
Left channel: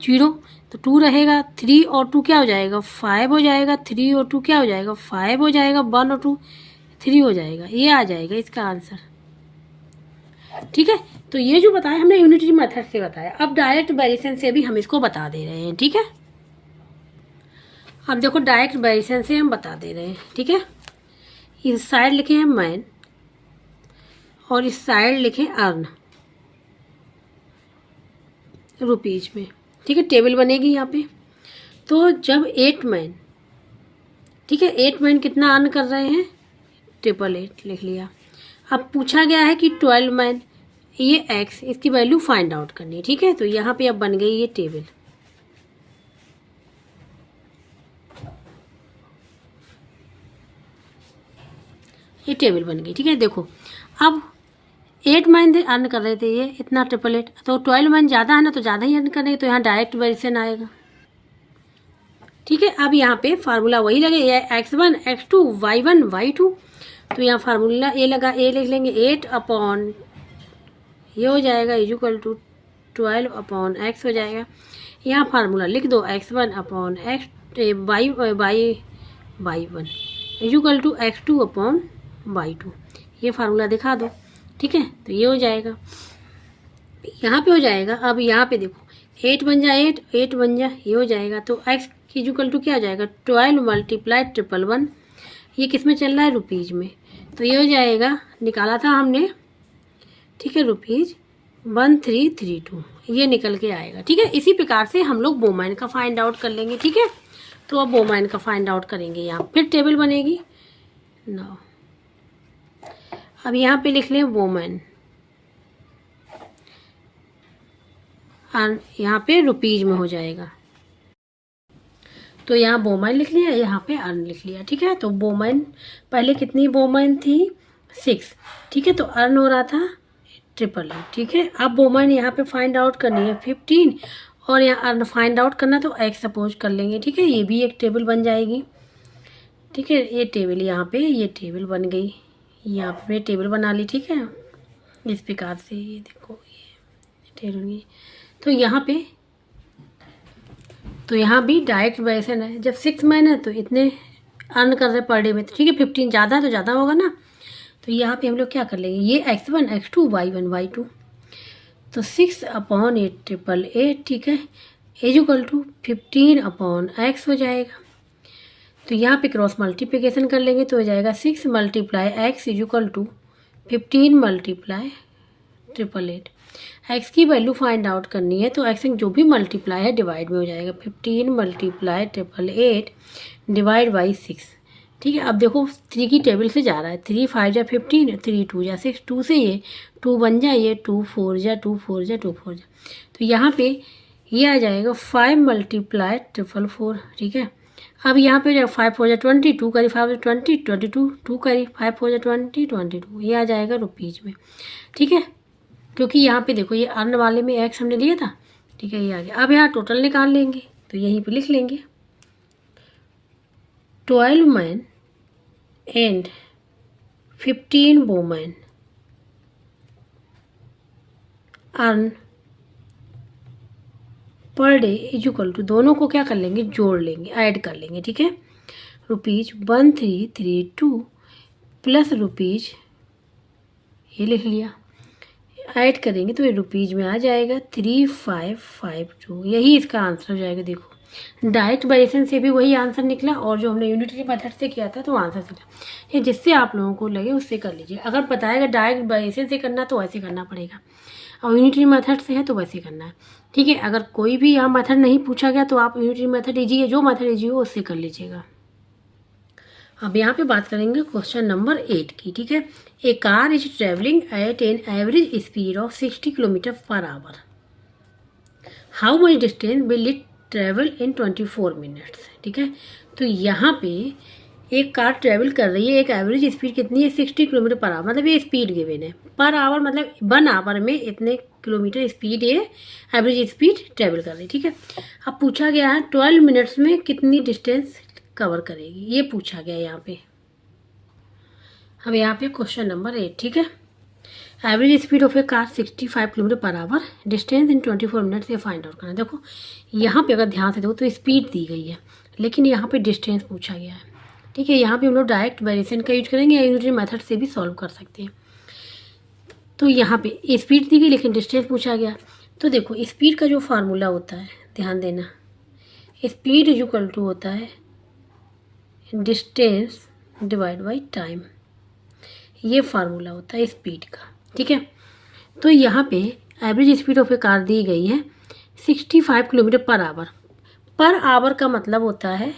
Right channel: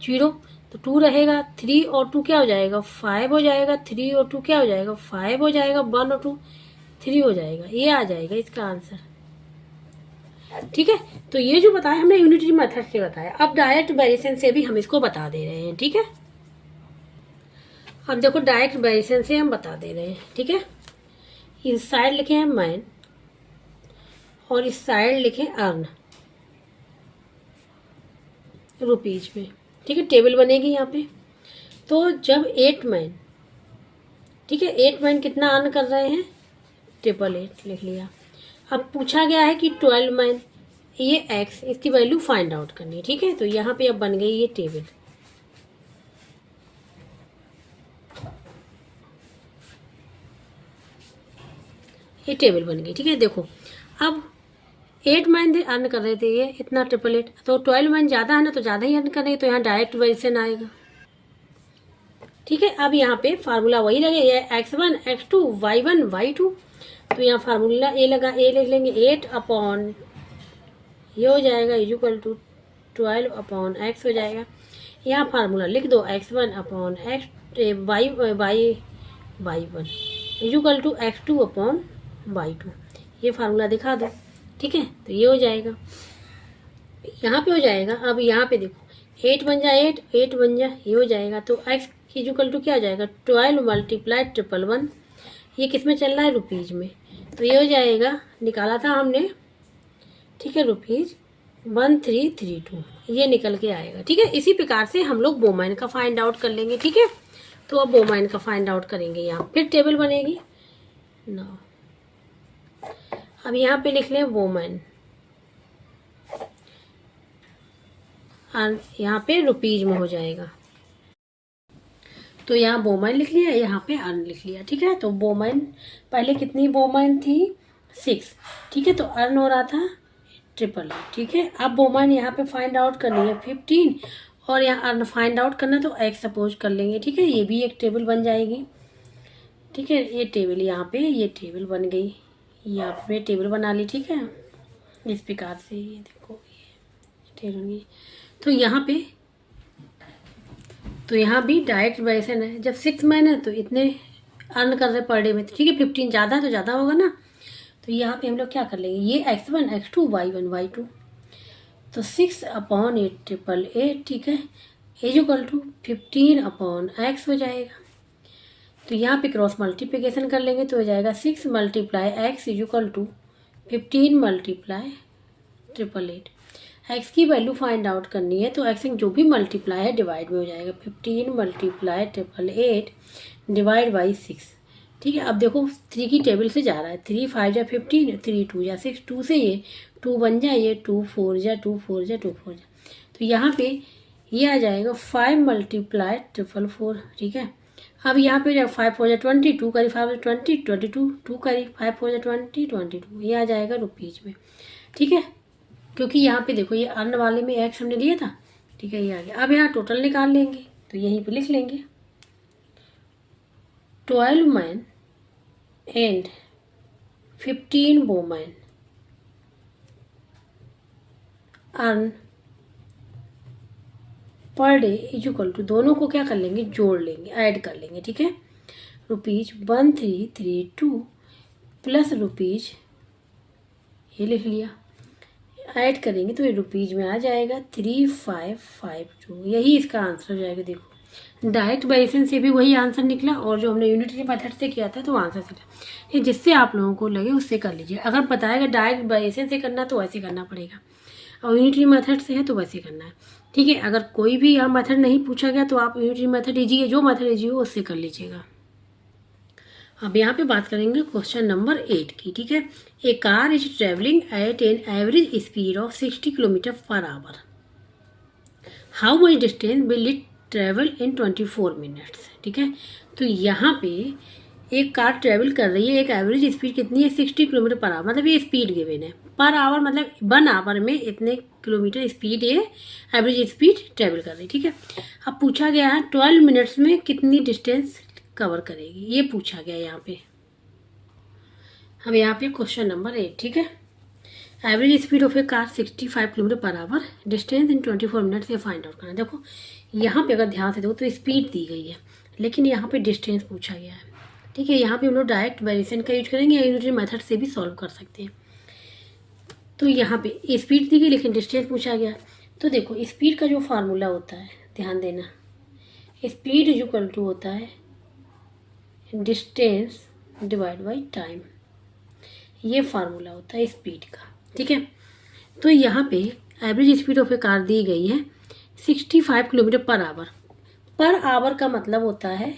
0, तो 2 रहेगा, 3 और 2 क्या हो जाएगा 5 हो जाएगा, 3 और 2 क्या हो जाएगा 5 हो जाएगा, 1 और 2 3 हो जाएगा, ये आ जाएगा इसका आंसर। ठीक है, तो ये जो बताया हमने यूनिटरी मेथड से बताया, अब डायरेक्ट वेरिएशन से भी हम इसको बता दे रहे हैं। ठीक है, अब देखो डायरेक्ट वेरिएशन से हम बता दे रहे हैं। ठीक है, इस साइड लिखे हैं मैन और इस साइड लिखे अर्न रुपीज में। ठीक है, टेबल बनेगी यहाँ पे, तो जब 8 मैन, ठीक है 8 मैन कितना अर्न कर रहे हैं, 888 लिख लिया। अब पूछा गया है कि 12 मैन, ये एक्स, इसकी वैल्यू फाइंड आउट करनी है। ठीक है, तो यहाँ पे अब बन गई ये टेबल, ये टेबल बन गई। ठीक है, देखो अब 8 मैन अर्न कर रहे थे ये इतना 888, तो 12 मैन ज़्यादा है ना, तो ज़्यादा ही अर्न कर रहे हैं, तो यहाँ डायरेक्ट वेरिएशन आएगा। ठीक है, अब यहाँ पे फार्मूला वही लगे, ये x1 x2 y1 y2, तो यहाँ फार्मूला ए लगा, ए लिख लेंगे 8 अपॉन ये हो जाएगा is equal to 12 upon x हो जाएगा। यहाँ फार्मूला लिख दो x1 upon y1 is equal to x2 upon y2, ये फार्मूला दिखा दो। ठीक है, तो ये हो जाएगा, यहाँ पे हो जाएगा। अब यहाँ पे देखो 8 बन जा 8, 8 बन जा, ये हो जाएगा, तो x इज इक्वल टू क्या हो जाएगा 12 मल्टीप्लाई 111, ये किस में चल रहा है रुपीज में, तो ये हो जाएगा, निकाला था हमने। ठीक है, रुपीज 1332, ये निकल के आएगा। ठीक है, इसी प्रकार से हम लोग वोमेन का फाइंड आउट कर लेंगे। ठीक है, तो अब वोमेन का फाइंड आउट करेंगे, यहाँ फिर टेबल बनेगी ना। अब यहाँ पे लिख लें वोमेन, यहाँ पे रुपीज में हो जाएगा, तो यहाँ वोमेन लिख लिया, यहाँ पे अर्न लिख लिया। ठीक है, तो वोमेन पहले कितनी वोमेन थी 6, ठीक है, तो अर्न हो रहा था 888। ठीक है, अब वोमेन यहाँ पे फाइंड आउट करनी है 15 और यहाँ अर्न फाइंड आउट करना, तो एक्स सपोज कर लेंगे। ठीक है, ये भी एक टेबल बन जाएगी। ठीक है, ये टेबल यहाँ पे, ये टेबल बन गई, यहाँ पे टेबल बना ली। ठीक है, इस प्रकार से ये देखो ये टेबल, तो यहाँ पे, तो यहाँ भी डायरेक्ट वेरिएशन है। जब 6 मैन है तो इतने अर्न कर रहे पर डे में, ठीक है 15 ज़्यादा है तो ज़्यादा होगा ना, तो यहाँ पे हम लोग क्या कर लेंगे, ये x1 x2 y1 y2, तो 6 अपॉन 888, ठीक है, is equal to 15 upon x हो जाएगा। तो यहाँ पे क्रॉस मल्टीप्लिकेशन कर लेंगे तो हो जाएगा 6 multiply x is equal to 15 multiply 888। X की वैल्यू फाइंड आउट करनी है तो एक्स जो भी मल्टीप्लाई है डिवाइड में हो जाएगा। 15 मल्टीप्लाई 888 डिवाइड बाई 6। ठीक है, अब देखो 3 की टेबल से जा रहा है। 3 5 जा 15, 3 2 जा 6, 2 से ये 2 बन जाए, ये 2 4 जा 2 4 जा 2 4 जा, तो यहाँ पे ये आ जाएगा 5 मल्टीप्लाई 444। ठीक है, अब यहाँ पे जब 5 4 जा 20, 2 करी 5 20, 22, 2 करी 5 4 जा 20, 22, ये आ जाएगा रुपीज में। ठीक है, क्योंकि यहाँ पे देखो ये अर्न वाले में एक्स हमने लिया था। ठीक है, ये आ गया। अब यहाँ टोटल निकाल लेंगे तो यहीं पे लिख लेंगे 12 man and 15 women earn per day is equal to, दोनों को क्या कर लेंगे, जोड़ लेंगे, ऐड कर लेंगे। ठीक है, रुपीज 1332 प्लस रुपीज, ये लिख लिया, ऐड करेंगे तो ये रुपीज में आ जाएगा 3552। यही इसका आंसर हो जाएगा। देखो डायरेक्ट वेरिएशन से भी वही आंसर निकला और जो हमने यूनिटरी मेथड से किया था तो आंसर निकला। ये जिससे आप लोगों को लगे उससे कर लीजिए। अगर बताएगा डायरेक्ट वेरिएशन से करना तो वैसे करना पड़ेगा, और यूनिटरी मेथड से है तो वैसे करना है। ठीक है, अगर कोई भी यहाँ मेथड नहीं पूछा गया तो आप यूनिटरी मेथड लीजिए, जो मेथड लीजिए उससे कर लीजिएगा। अब यहाँ पे बात करेंगे क्वेश्चन नंबर 8 की। ठीक है, a car is travelling at an average speed of 60 kilometre per hour. How much distance will it travel in 24 minutes. ठीक है, तो यहाँ पे एक कार ट्रेवल कर रही है, एक एवरेज स्पीड कितनी है, 60 किलोमीटर पर आवर, मतलब ये स्पीड गिवन है। पर आवर मतलब 1 आवर में इतने किलोमीटर स्पीड ये एवरेज स्पीड ट्रेवल कर रही है। ठीक है, अब पूछा गया है 12 मिनट्स में कितनी डिस्टेंस कवर करेगी, ये पूछा गया यहाँ पे। अब यहाँ पे क्वेश्चन नंबर 8। ठीक है, average speed of a car 65 kilometre per our, distance in 24 minutes से फाइंड आउट करना। देखो यहाँ पे अगर ध्यान से देखो तो स्पीड दी गई है, लेकिन यहाँ पे डिस्टेंस पूछा गया है। ठीक है, यहाँ पे हम लोग डायरेक्ट वेरिएशन का यूज करेंगे या यूनिटरी मेथड से भी सॉल्व कर सकते हैं। तो यहाँ पे स्पीड दी गई लेकिन डिस्टेंस पूछा गया। तो देखो स्पीड का जो फार्मूला होता है, ध्यान देना, स्पीड इज इक्वल टू होता है डिस्टेंस डिवाइड बाई टाइम, ये फार्मूला होता है स्पीड का। ठीक है, तो यहाँ पे average speed of a car दी गई है 65 kilometre per our. Per hour का मतलब होता है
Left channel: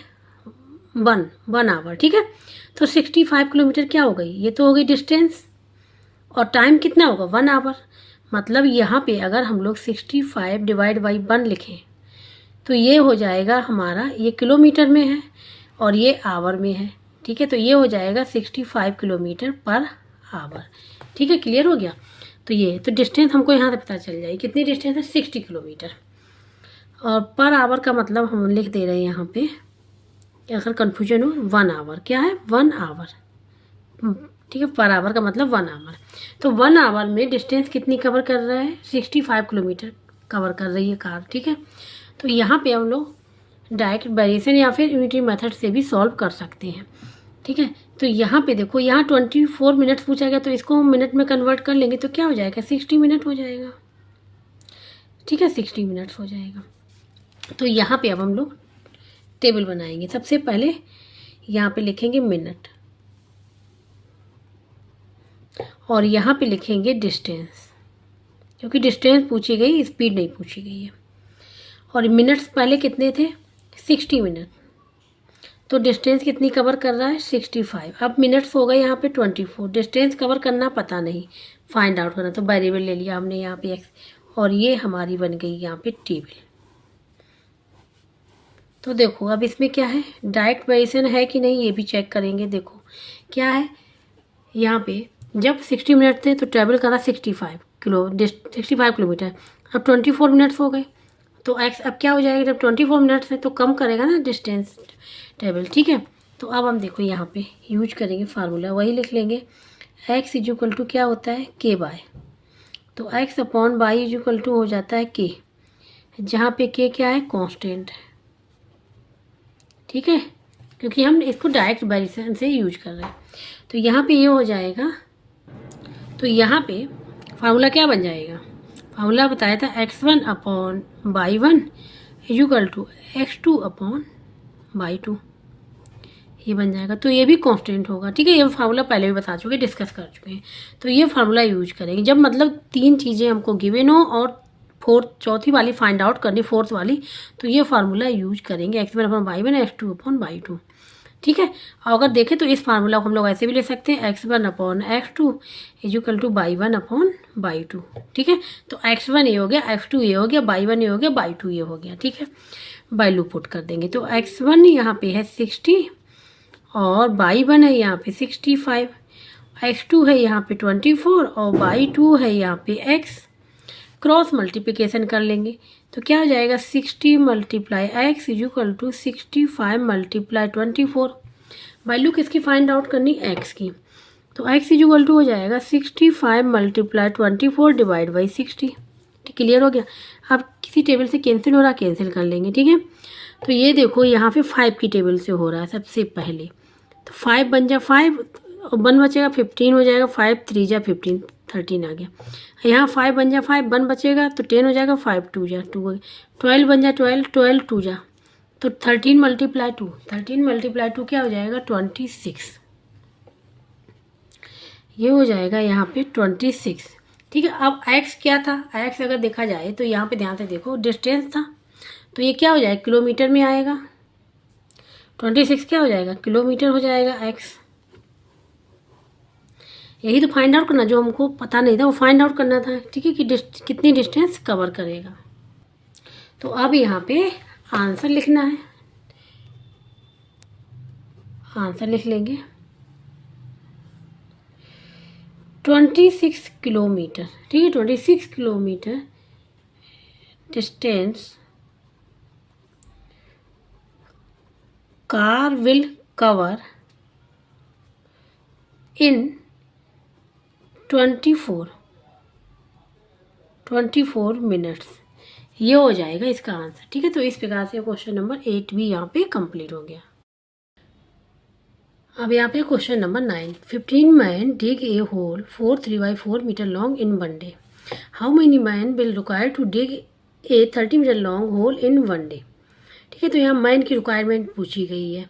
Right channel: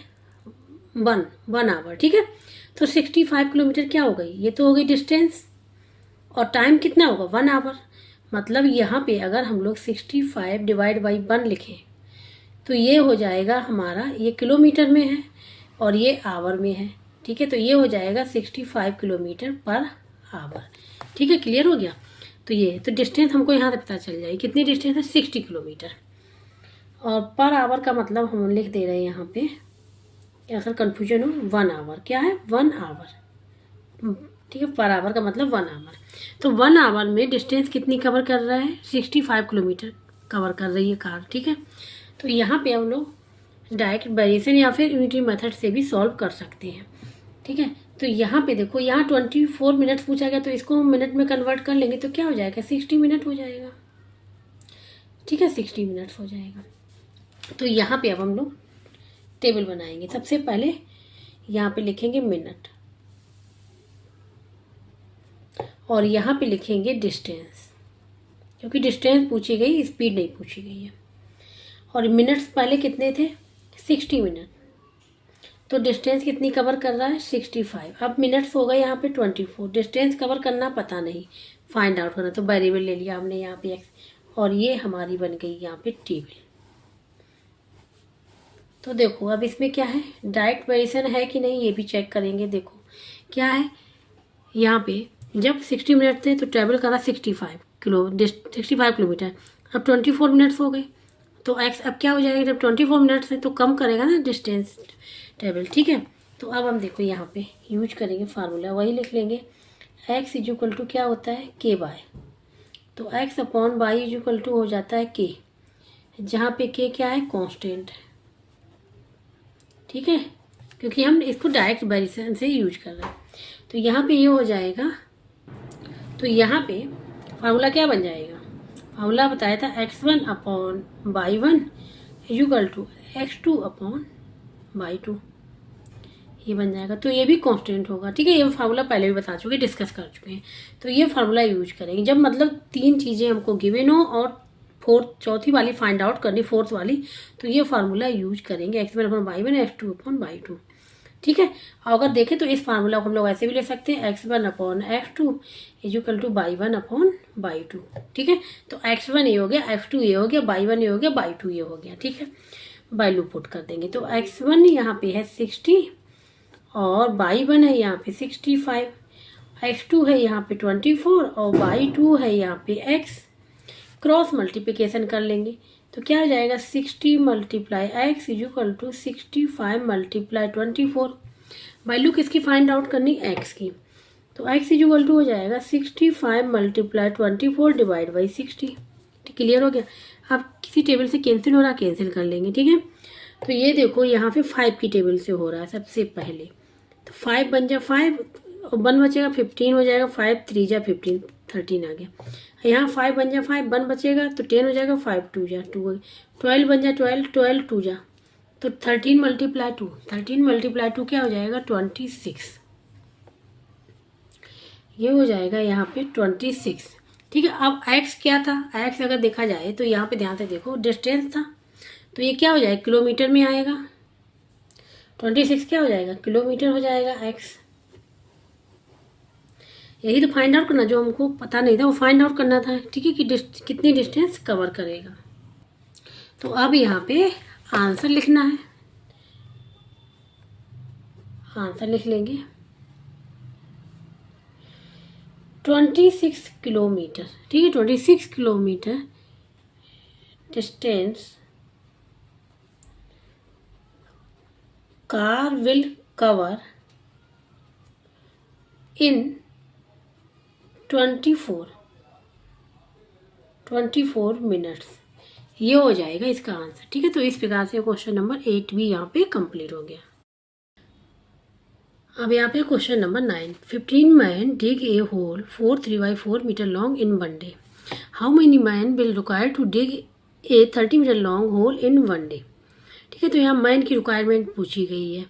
1 आवर। ठीक है, तो 65 किलोमीटर क्या हो गई, ये तो हो गई डिस्टेंस, और टाइम कितना होगा 1 आवर। मतलब यहाँ पे अगर हम लोग 65 डिवाइड बाई 1 लिखें तो ये हो जाएगा हमारा, ये किलोमीटर में है और ये आवर में है। ठीक है, तो ये हो जाएगा 65 किलोमीटर पर आवर। ठीक है, क्लियर हो गया। तो ये तो डिस्टेंस हमको यहाँ से पता चल जाएगी, कितनी डिस्टेंस है 60 किलोमीटर, और पर आवर का मतलब हम लिख दे रहे हैं यहाँ पे, अगर कन्फ्यूजन हो 1 आवर, क्या है 1 आवर। ठीक है, पर आवर का मतलब 1 आवर। तो 1 आवर में डिस्टेंस कितनी कवर कर रहा है, 65 किलोमीटर कवर कर रही है कार। ठीक है, तो यहाँ पे हम लोग डायरेक्ट वेरिएशन या फिर यूनिटरी मेथड से भी सॉल्व कर सकते हैं। ठीक है, तो यहाँ पे देखो यहाँ 24 मिनट्स पूछा गया, तो इसको हम मिनट में कन्वर्ट कर लेंगे तो क्या हो जाएगा, 60 मिनट हो जाएगा। ठीक है, 60 मिनट्स हो जाएगा। तो यहाँ पे अब हम लोग टेबल बनाएंगे। सबसे पहले यहाँ पे लिखेंगे मिनट, और यहाँ पे लिखेंगे डिस्टेंस, क्योंकि डिस्टेंस पूछी गई, स्पीड नहीं पूछी गई है। और मिनट्स पहले कितने थे, 60 मिनट, तो डिस्टेंस कितनी कवर कर रहा है 65। अब मिनट्स होगा यहाँ पे 24, डिस्टेंस कवर करना पता नहीं, फाइंड आउट करना, तो वेरिएबल ले लिया हमने यहाँ पे एक्स, और ये हमारी बन गई यहाँ पे टेबल। तो देखो अब इसमें क्या है, डायरेक्ट वेरिएशन है कि नहीं ये भी चेक करेंगे। देखो क्या है, यहाँ पे जब 60 मिनट थे तो ट्रैवल करा 65 किलोमीटर, अब 24 मिनट्स हो गए, तो एक्स अब क्या हो जाएगा, जब 24 मिनट्स है तो कम करेगा ना डिस्टेंस टेबल। ठीक है, तो अब हम देखो यहाँ पे यूज करेंगे फार्मूला, वही लिख लेंगे, एक्स इज इक्वल टू क्या होता है के बाय, तो X upon Y is equal to हो जाता है के, जहाँ पे के क्या है, कांस्टेंट है। ठीक है, क्योंकि हम इसको डायरेक्ट वेरिएशन से यूज कर रहे हैं, तो यहाँ पे ये हो जाएगा। तो यहाँ पे फार्मूला क्या बन जाएगा, फार्मूला बताया था x1 upon y1 is equal to x2 upon y2, ये बन जाएगा, तो ये भी कांस्टेंट होगा। ठीक है, ये फार्मूला पहले भी बता चुके, डिस्कस कर चुके हैं। तो ये फार्मूला यूज करेंगे जब मतलब 3 चीज़ें हमको गिवन हो और चौथी वाली फाइंड आउट करनी, फोर्थ वाली, तो ये फार्मूला यूज करेंगे x1/y1 x2/y2। ठीक है, और अगर देखें तो इस फार्मूला को हम लोग ऐसे भी ले सकते हैं x1/x2 =y1/y2। ठीक है, तो x1 ये हो गया, x2 ये हो गया, y1 ये हो गया, y2 ये हो गया। ठीक है, वैल्यू पुट कर देंगे। तो x1 यहाँ पे है 60 और y1 है यहाँ पे 65, x2 है यहाँ पे 24 और y2 है यहाँ पे x। क्रॉस मल्टीप्लिकेशन कर लेंगे तो क्या हो जाएगा, 60 × x = 65 × 24। वैल्यू किसकी फाइंड आउट करनी, x की। तो x = हो जाएगा 65 × 24 / 60। क्लियर हो गया। अब किसी टेबल से कैंसिल हो रहा, कैंसिल कर लेंगे। ठीक है, तो ये देखो यहाँ पे 5 की टेबल से हो रहा है सबसे पहले, तो 5 बन जा 5 और 1 बचेगा, 15 हो जाएगा, 5 3 जा 15, 13 आ गया। यहाँ 5 बन जा 5, 1 बचेगा तो 10 हो जाएगा, 5 2 जा 2 हो गया, 12 बन जा 12, 12 2 जा, तो 13 × 2, 13 × 2 क्या हो जाएगा, 26। ये हो जाएगा यहाँ पे 26। ठीक है, अब x क्या था, x अगर देखा जाए तो यहाँ पे ध्यान से देखो, डिस्टेंस था, तो ये क्या हो जाएगा, किलोमीटर में आएगा। 26 क्या हो जाएगा, किलोमीटर हो जाएगा x। यही तो फाइंड आउट करना, जो हमको पता नहीं था वो फाइंड आउट करना था। ठीक है, कि कितनी डिस्टेंस कवर करेगा। तो अब यहाँ पे आंसर लिखना है, आंसर लिख लेंगे 26 किलोमीटर। ठीक है, 26 kilometre distance car will cover in 24 minutes. ये हो जाएगा इसका आंसर। ठीक है, तो इस प्रकार से क्वेश्चन नंबर 8 भी यहाँ पे कंप्लीट हो गया। अब यहाँ पे question number 9, 15 man dig a hole 4 3/4 metre long in 1 day. How many man will require to dig a 30 metre long hole in 1 day. ठीक है, तो यहाँ मैन की रिक्वायरमेंट पूछी गई है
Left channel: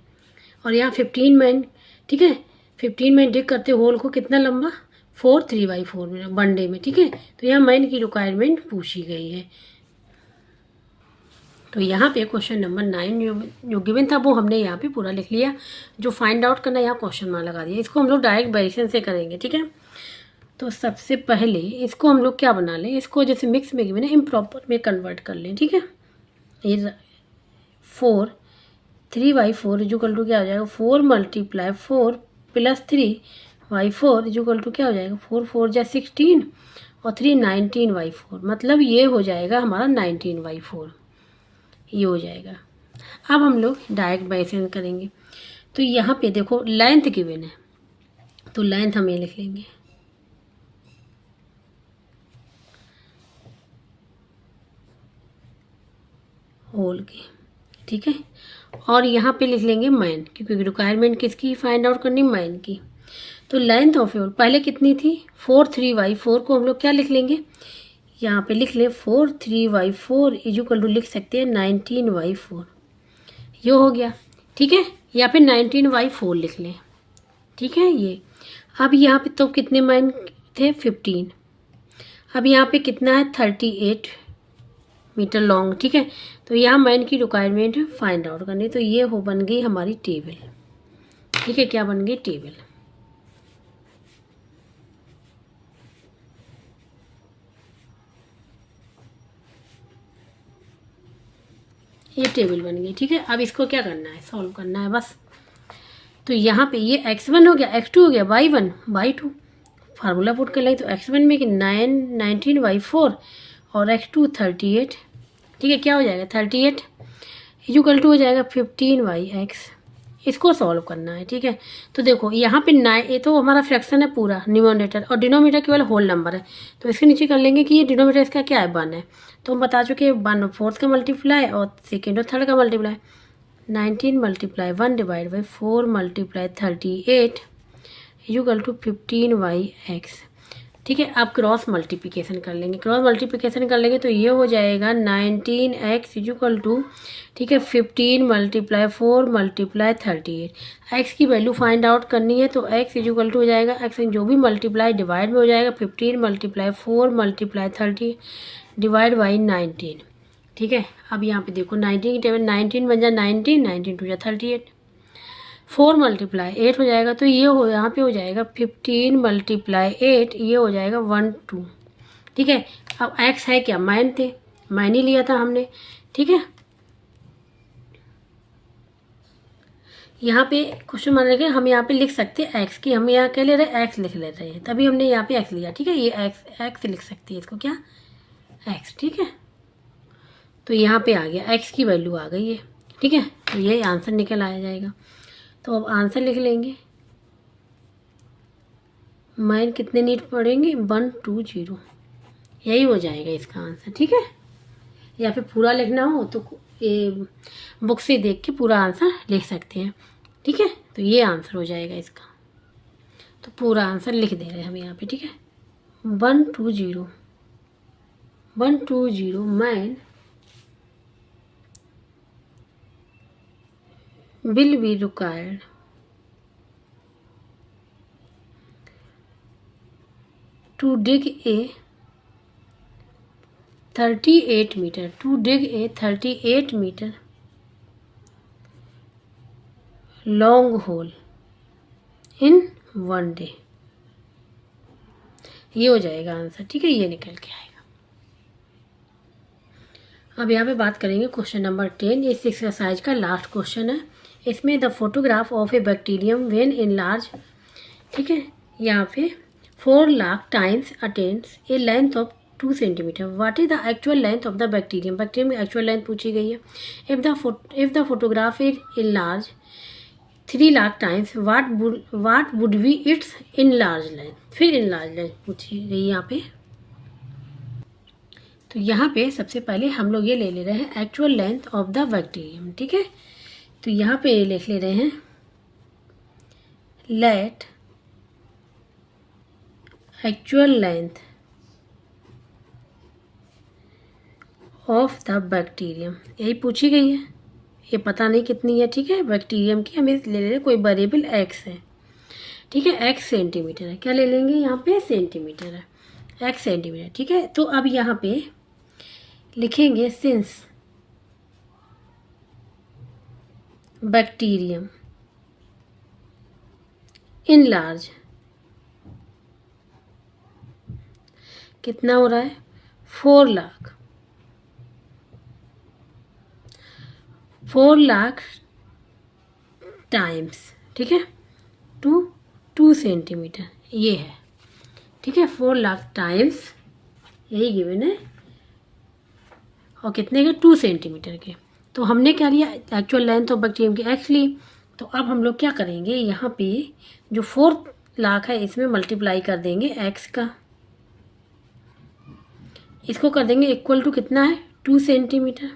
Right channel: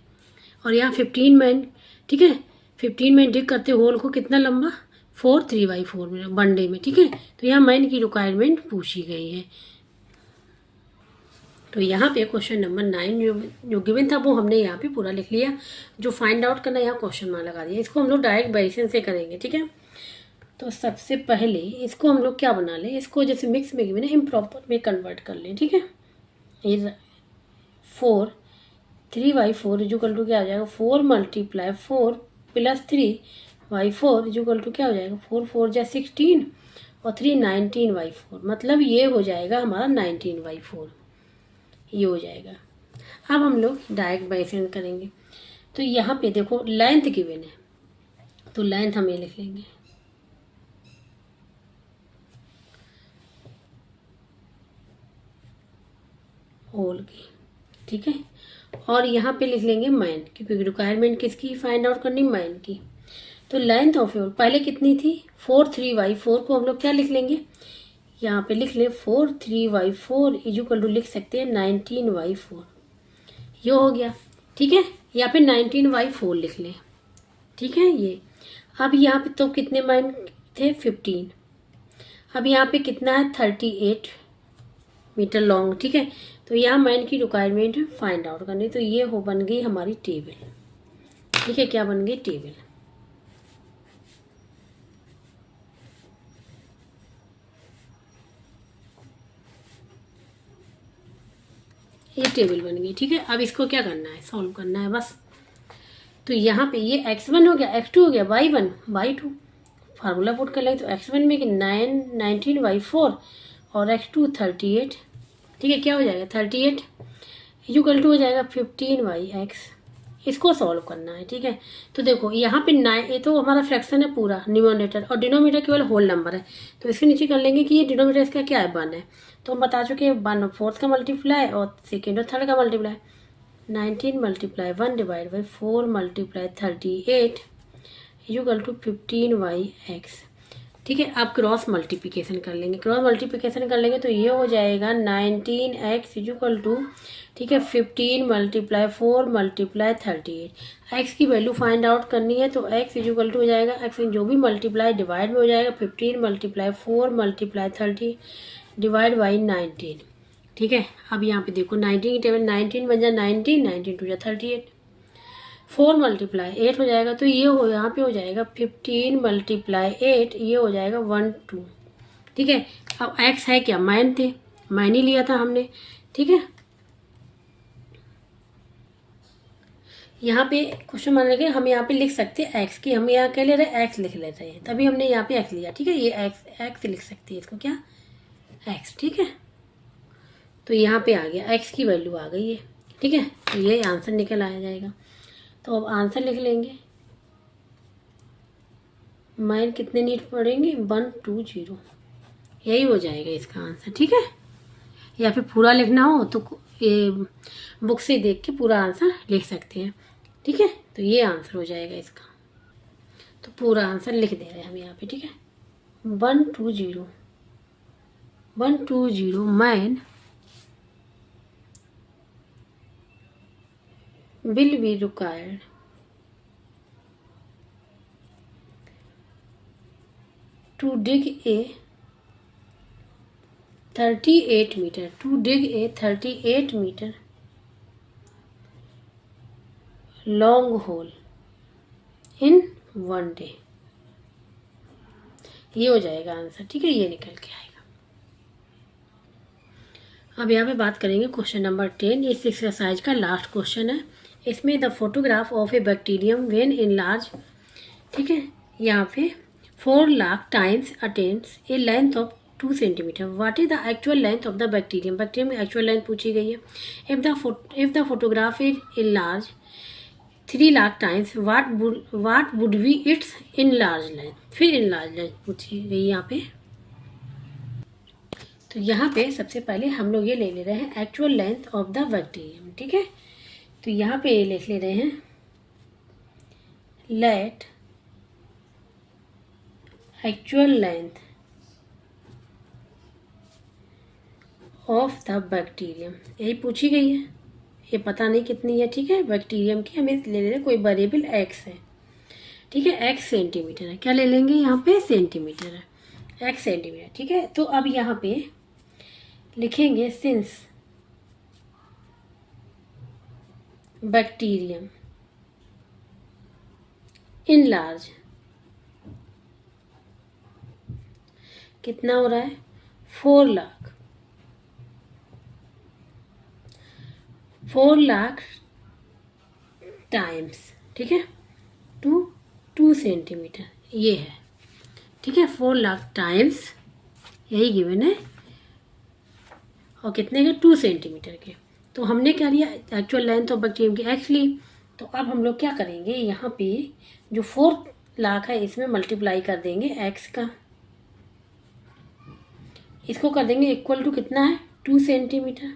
और यहाँ 15 मैन। ठीक है, 15 मैन डिग करते होल को कितना लंबा, 4 3/4 मीटर 1 डे में। ठीक है, तो यहाँ मैन की रिक्वायरमेंट पूछी गई है। तो यहाँ पे क्वेश्चन नंबर 9 जो गिवन था वो हमने यहाँ पे पूरा लिख लिया। जो फाइंड आउट करना, यहाँ क्वेश्चन मार्क लगा दिया। इसको हम लोग डायरेक्ट वेरिएशन से करेंगे। ठीक है, तो सबसे पहले इसको हम लोग क्या बना लें, इसको जैसे मिक्स में गिवन है इम्प्रॉपर में कन्वर्ट कर लें। ठीक है, ये 4 3/4 = क्या हो जाएगा, 4 × 4 + 3/4 = क्या हो जाएगा, 4 4 जा 16 और 3 19/4, मतलब ये हो जाएगा हमारा 19/4। ये हो जाएगा। अब हम लोग डायरेक्ट वेरिएशन करेंगे। तो यहाँ पे देखो लेंथ गिवन है, तो लेंथ हम ये लिख लेंगे होल की। ठीक है, और यहाँ पे लिख लेंगे मैन, क्योंकि रिक्वायरमेंट किसकी फाइंड आउट करनी, मैन की। तो लेंथ ऑफ होल पहले कितनी थी, 4 3/4 को हम लोग क्या लिख लेंगे, यहाँ पे लिख ले 4 3/4 = लिख सकते हैं 19/4। ये हो गया। ठीक है, यहाँ पे 19/4 लिख लें। ठीक है, ये अब यहाँ पे तो कितने मैन थे, 15। अब यहाँ पे कितना है, 38 मीटर लॉन्ग। ठीक है, तो यहाँ मैन की रिक्वायरमेंट है फाइंड आउट करनी। तो ये हो बन गई हमारी टेबल। ठीक है, क्या बन गई, टेबल। ये टेबल बन गई। ठीक है, अब इसको क्या करना है, सॉल्व करना है बस। तो यहाँ पे ये x1 हो गया, x2 हो गया, y1 y2 फार्मूला पुट कर लेंगे। तो x1 में कि 19/4 और x2 38। ठीक है, क्या हो जाएगा, 38 = हो जाएगा 15/x। इसको सॉल्व करना है। ठीक है, तो देखो यहाँ पे 9, ये तो हमारा फ्रैक्शन है पूरा न्यूमरेटर, और डिनोमिनेटर केवल होल नंबर है। तो इसके नीचे कर लेंगे कि ये डिनोमिनेटर इसका क्या है, 1 है। तो हम बता चुके हैं 1 और 4 का मल्टीप्लाई और सेकेंड और थर्ड का मल्टीप्लाई। 19 × 1 / 4 × 38 = 15/x। ठीक है, अब क्रॉस मल्टीप्लिकेशन कर लेंगे। क्रॉस मल्टीप्लिकेशन कर लेंगे तो ये हो जाएगा 19x इक्वल टू, ठीक है, 15 × 4 × 38। x की वैल्यू फाइंड आउट करनी है तो x इक्वल टू हो जाएगा, x जो भी मल्टीप्लाई डिवाइड में हो जाएगा 15 × 4 × 30 डिवाइड बाई 19। ठीक है, अब यहाँ पे देखो 19 की टेबल 19 बन जाए 19, 19 टू जा 38, 4 × 8 हो जाएगा तो ये हो यहाँ पे हो जाएगा 15 × 8, ये हो जाएगा 1 2। ठीक है, अब x है क्या, माइन थे, माइन ही लिया था हमने। ठीक है, यहाँ पे क्वेश्चन मान रखे हम यहाँ पे लिख सकते हैं x की, हम यहाँ क्या ले रहे हैं, x लिख लेते हैं, तभी हमने यहाँ पे x लिया। ठीक है, ये x लिख सकते हैं इसको, क्या x। ठीक है, तो यहाँ पे आ गया x की वैल्यू आ गई है। ठीक है, तो ये आंसर निकल आया जाएगा। तो अब आंसर लिख लेंगे, माइन कितने नीट पड़ेंगे, 1 2 0, यही हो जाएगा इसका आंसर। ठीक है, या फिर पूरा लिखना हो तो ये बुक से देख के पूरा आंसर लिख सकते हैं। ठीक है, तो ये आंसर हो जाएगा इसका, तो पूरा आंसर लिख दे रहे हैं हम यहाँ पे। ठीक है, 1 2 0 1 2 0 man will be required to dig a 38 meter, to dig a 38 meter long hole in 1 day। ये हो जाएगा आंसर। ठीक है, ये निकल के आएगा। अब यहाँ पे बात करेंगे क्वेश्चन नंबर 10, ये इस एक्सरसाइज का लास्ट क्वेश्चन है। इसमें the photograph of A bacterium when in large, ठीक है, यहाँ पे 4 lakh times attains A length of 2 centimetre, what is the actual length of the bacterium, bacterium की एक्चुअल लेंथ पूछी गई है। If the photograph is in large 3 lakh times what would be it's in large length, फिर in large length पूछी गई यहाँ पे। तो यहाँ पे सबसे पहले हम लोग ये ले रहे हैं actual length of the bacterium. ठीक है, तो यहाँ पे लिख ले रहे हैं let actual length of the bacterium, यही पूछी गई है, ये पता नहीं कितनी है। ठीक है, बैक्टीरियम की हमें ले ले रहे कोई वेरिएबल x है। ठीक है, x सेंटीमीटर है, क्या ले लेंगे यहाँ पे, सेंटीमीटर है, x सेंटीमीटर। ठीक है, तो अब यहाँ पे लिखेंगे सिंस बैक्टीरियम इन लार्ज, कितना हो रहा है, 4 लाख टाइम्स, ठीक है, 2 सेंटीमीटर ये है। ठीक है, 4 लाख टाइम्स यही गिवन है, और कितने के, 2 सेंटीमीटर के। तो हमने क्या लिया, एक्चुअल लेंथ ऑफ बैक्टीरियम की x ली। तो अब हम लोग क्या करेंगे, यहाँ पे जो 4 लाख है इसमें मल्टीप्लाई कर देंगे x का, इसको कर देंगे इक्वल टू कितना है, 2 सेंटीमीटर।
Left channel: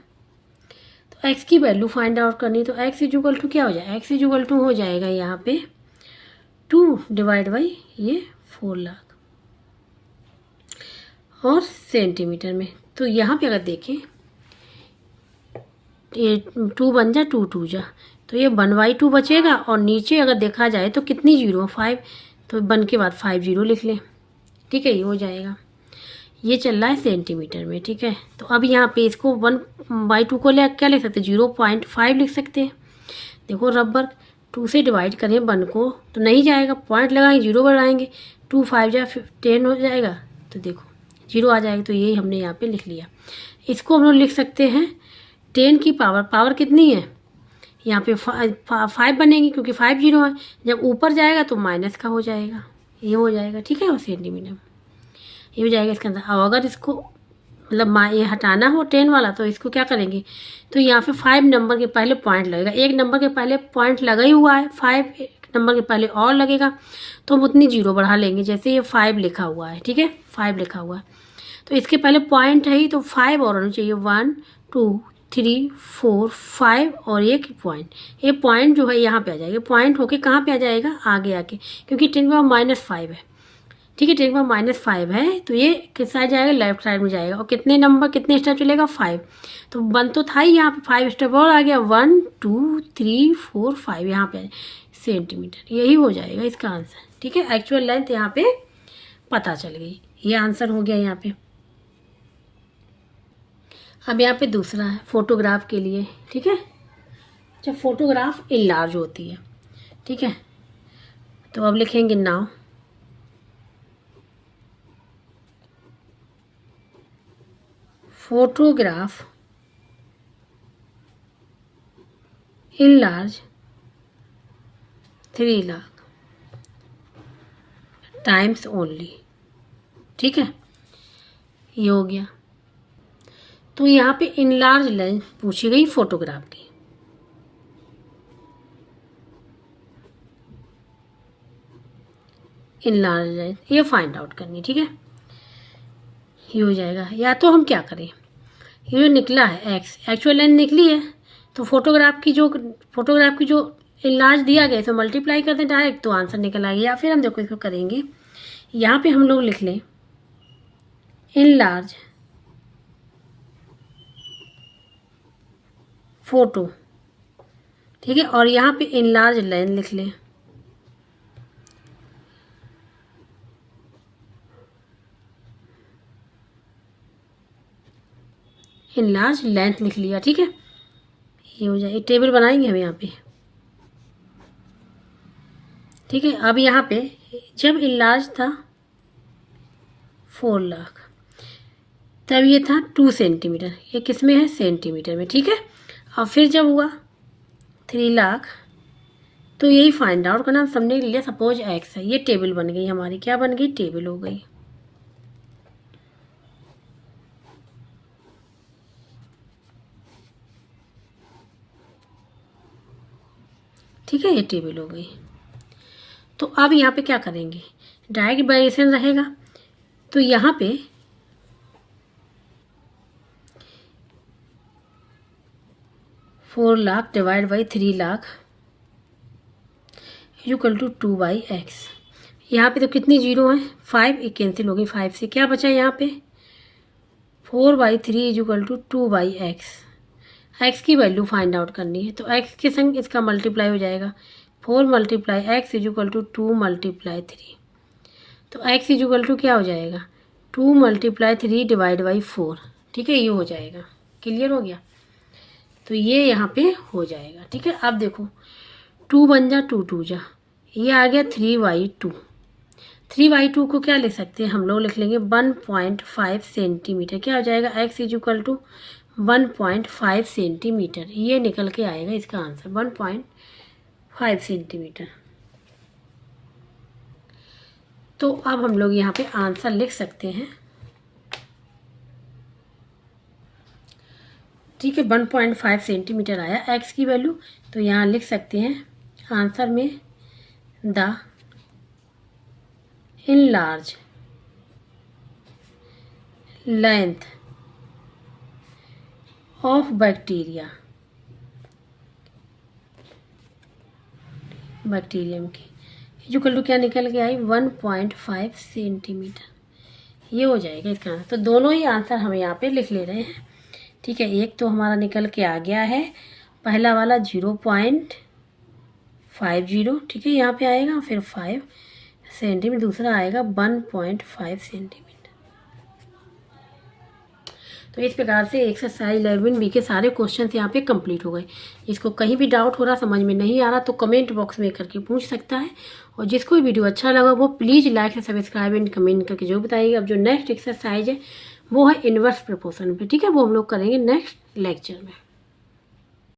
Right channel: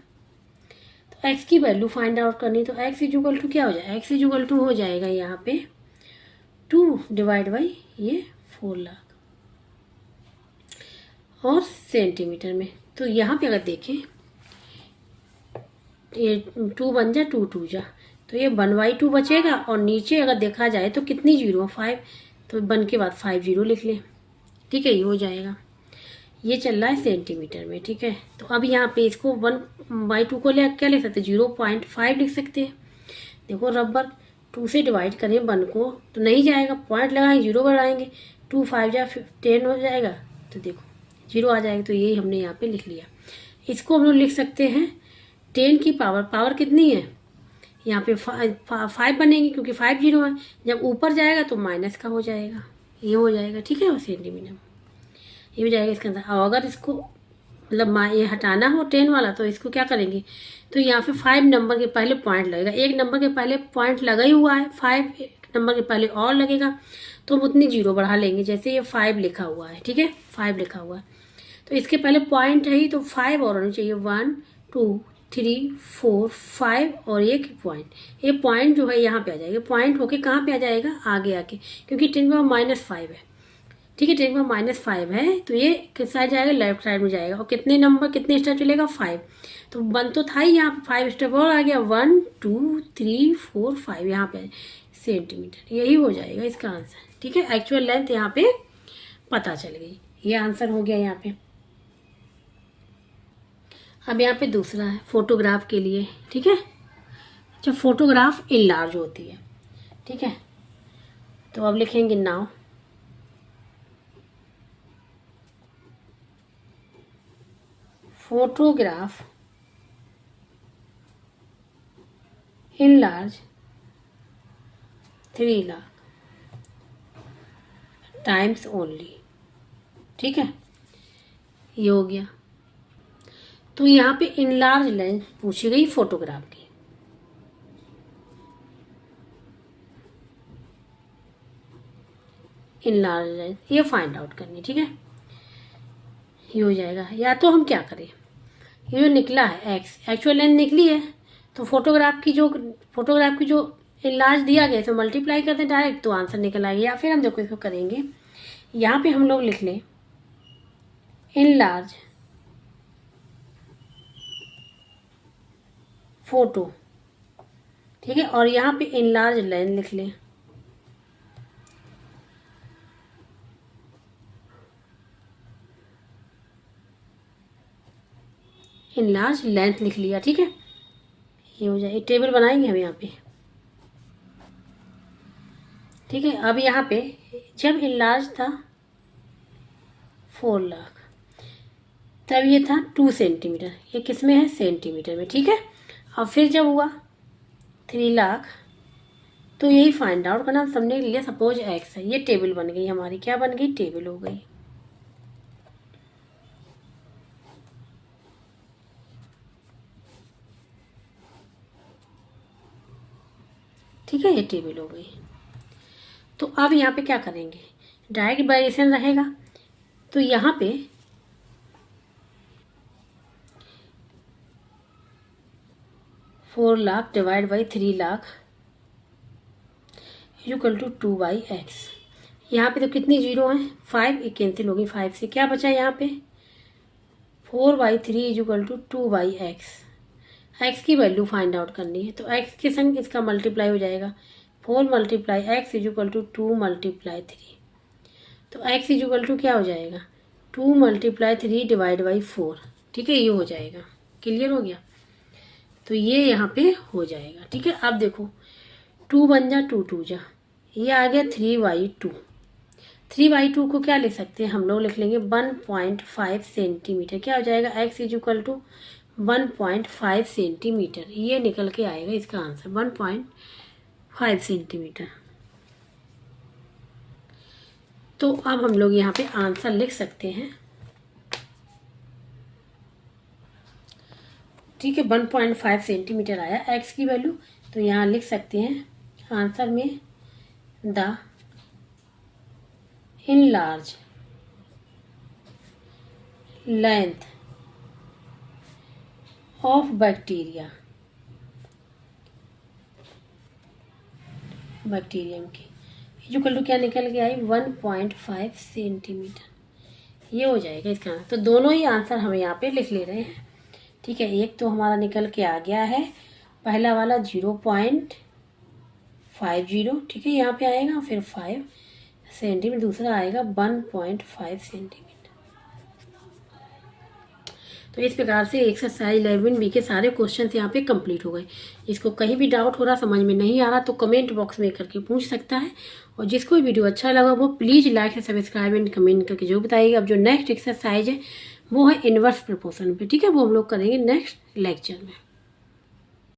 तो x की वैल्यू फाइंड आउट करनी, तो x इक्वल टू क्या हो जाएगा, x इक्वल टू हो जाएगा यहाँ पे 2 डिवाइड बाई ये 4 लाख और सेंटीमीटर में। तो यहाँ पे अगर देखें ये 2 बन जा, 2 2 जा, तो ये 1/2 बचेगा, और नीचे अगर देखा जाए तो कितनी जीरो, 5, तो 1 के बाद 5 0 लिख लें। ठीक है, ये हो जाएगा, ये चल रहा है सेंटीमीटर में। ठीक है, तो अब यहाँ पे इसको 1/2 को ले क्या लिख सकते हैं, 0.5 लिख सकते हैं। देखो रबर 2 से डिवाइड करें 1 को तो नहीं जाएगा, पॉइंट लगाएंगे, 0 बढ़ाएंगे, 2 5 जा 10 हो जाएगा, तो देखो 0 आ जाएगा। तो यही हमने यहाँ पे लिख लिया। इसको हम लोग लिख सकते हैं 10 की पावर कितनी है, यहाँ पे 5 बनेगी क्योंकि 5 0 है, जब ऊपर जाएगा तो माइनस का हो जाएगा, ये हो जाएगा। ठीक है, और सेंटीमीटर ये हो जाएगा इसके अंदर। और अगर इसको मतलब ये हटाना हो 10 वाला तो इसको क्या करेंगे, तो यहाँ पे 5 नंबर के पहले पॉइंट लगेगा, 1 नंबर के पहले पॉइंट लगा ही हुआ है, 5 नंबर के पहले और लगेगा, तो हम उतनी 0 बढ़ा लेंगे। जैसे ये 5 लिखा हुआ है, ठीक है, 5 लिखा हुआ है, तो इसके पहले पॉइंट है ही, तो 5 और होना चाहिए, 1 2 3 4 5 और एक पॉइंट, ये पॉइंट जो है यहाँ पे आ जाएगा, पॉइंट होके कहाँ पे आ जाएगा, आगे आके, क्योंकि 10 में -5 है। ठीक है। 10⁻⁵ है तो ये किस साइड जाएगा, लेफ्ट साइड में जाएगा। और कितने नंबर कितने स्टेप चलेगा, 5। तो 1 तो था ही, यहाँ पे 5 स्टेप और आ गया, 1 2 3 4 5 यहाँ पे सेंटीमीटर, यही हो जाएगा इसका आंसर। ठीक है, एक्चुअल लेंथ यहाँ पे पता चल गई, ये आंसर हो गया यहाँ पे। अब यहाँ पे दूसरा है फोटोग्राफ के लिए। ठीक है, जब फोटोग्राफ इनलार्ज होती है, ठीक है, तो अब लिखेंगे now photograph enlarge 3 lakh times only. ठीक है, ये हो गया। तो यहाँ पे इनलार्ज लेंथ पूछी गई फोटोग्राफ की। इनलार्ज लेंथ ये फाइंड आउट करनी। ठीक है, ये हो जाएगा। या तो हम क्या करें, ये जो निकला है एक्स, एक्चुअल लेंथ निकली है, तो फोटोग्राफ की जो इनलार्ज दिया गया इसे मल्टीप्लाई कर दें डायरेक्ट, तो आंसर निकल आएगा। या फिर हम देखो इसको करेंगे, यहाँ पे हम लोग लिख लें इनलार्ज फोटो। ठीक है, और यहाँ पे इनलार्ज लेंथ लिख लें। इनलार्ज लेंथ लिख लिया। ठीक है, ये हो जाए, टेबल बनाएंगे हम यहाँ पे। ठीक है, अब यहाँ पे जब इनलार्ज था 4 लाख, तब ये था 2 सेंटीमीटर, ये किस में है, सेंटीमीटर में। ठीक है, और फिर जब हुआ 3 लाख, तो यही फाइंड आउट करना सबने लिया। सपोज एक्स है, ये टेबल बन गई हमारी, क्या बन गई, टेबल हो गई। ठीक है, ये टेबल हो गई। तो अब यहाँ पे क्या करेंगे, डायरेक्ट वेरिएशन रहेगा। तो यहाँ पे 4 lakh divide by 3 lakh equal to 2/x। यहाँ पे तो कितनी जीरो हैं, 5, एक कैंसिल होगी 5 से, क्या बचा यहाँ पे 4/3 इक्वल टू 2/x। x की वैल्यू फाइंड आउट करनी है, तो x के संग इसका मल्टीप्लाई हो जाएगा, 4 × x इक्वल टू 2 × 3। तो x इक्वल टू क्या हो जाएगा, 2 × 3 डिवाइड बाई 4। ठीक है, ये हो जाएगा, क्लियर हो गया। तो ये यहाँ पे हो जाएगा। ठीक है, अब देखो 2 बन जा 2 2 जा, ये आ गया 3/2। 3/2 को क्या लिख सकते हैं हम लोग, लिख लेंगे 1.5 सेंटीमीटर। क्या हो जाएगा, x इक्वल टू 1.5 सेंटीमीटर, ये निकल के आएगा इसका आंसर 1.5 सेंटीमीटर। तो अब हम लोग यहाँ पे आंसर लिख सकते हैं। ठीक है, 1.5 सेंटीमीटर आया x की वैल्यू, तो यहाँ लिख सकते हैं आंसर में the enlarge length of bacterium की इक्वल टू क्या निकल के आई, 1.5 सेंटीमीटर। ये हो जाएगा इसका आंसर। तो दोनों ही आंसर हम यहाँ पे लिख ले रहे हैं। ठीक है, एक तो हमारा निकल के आ गया है, पहला वाला 0.50। ठीक है, यहाँ पे आएगा, फिर 5 सेंटीमीटर, दूसरा आएगा 1.5 सेंटीमीटर। तो इस प्रकार से एक्सरसाइज 11B के सारे क्वेश्चन यहाँ पे कंप्लीट हो गए। जिसको कहीं भी डाउट हो रहा, समझ में नहीं आ रहा, तो कमेंट बॉक्स में करके पूछ सकता है। और जिसको भी वीडियो अच्छा लगा वो प्लीज़ लाइक से सब्सक्राइब एंड कमेंट करके जो बताइएगा। अब जो नेक्स्ट एक्सरसाइज है वो है इनवर्स प्रोपोर्शन पे। ठीक है, वो हम लोग करेंगे नेक्स्ट लेक्चर में।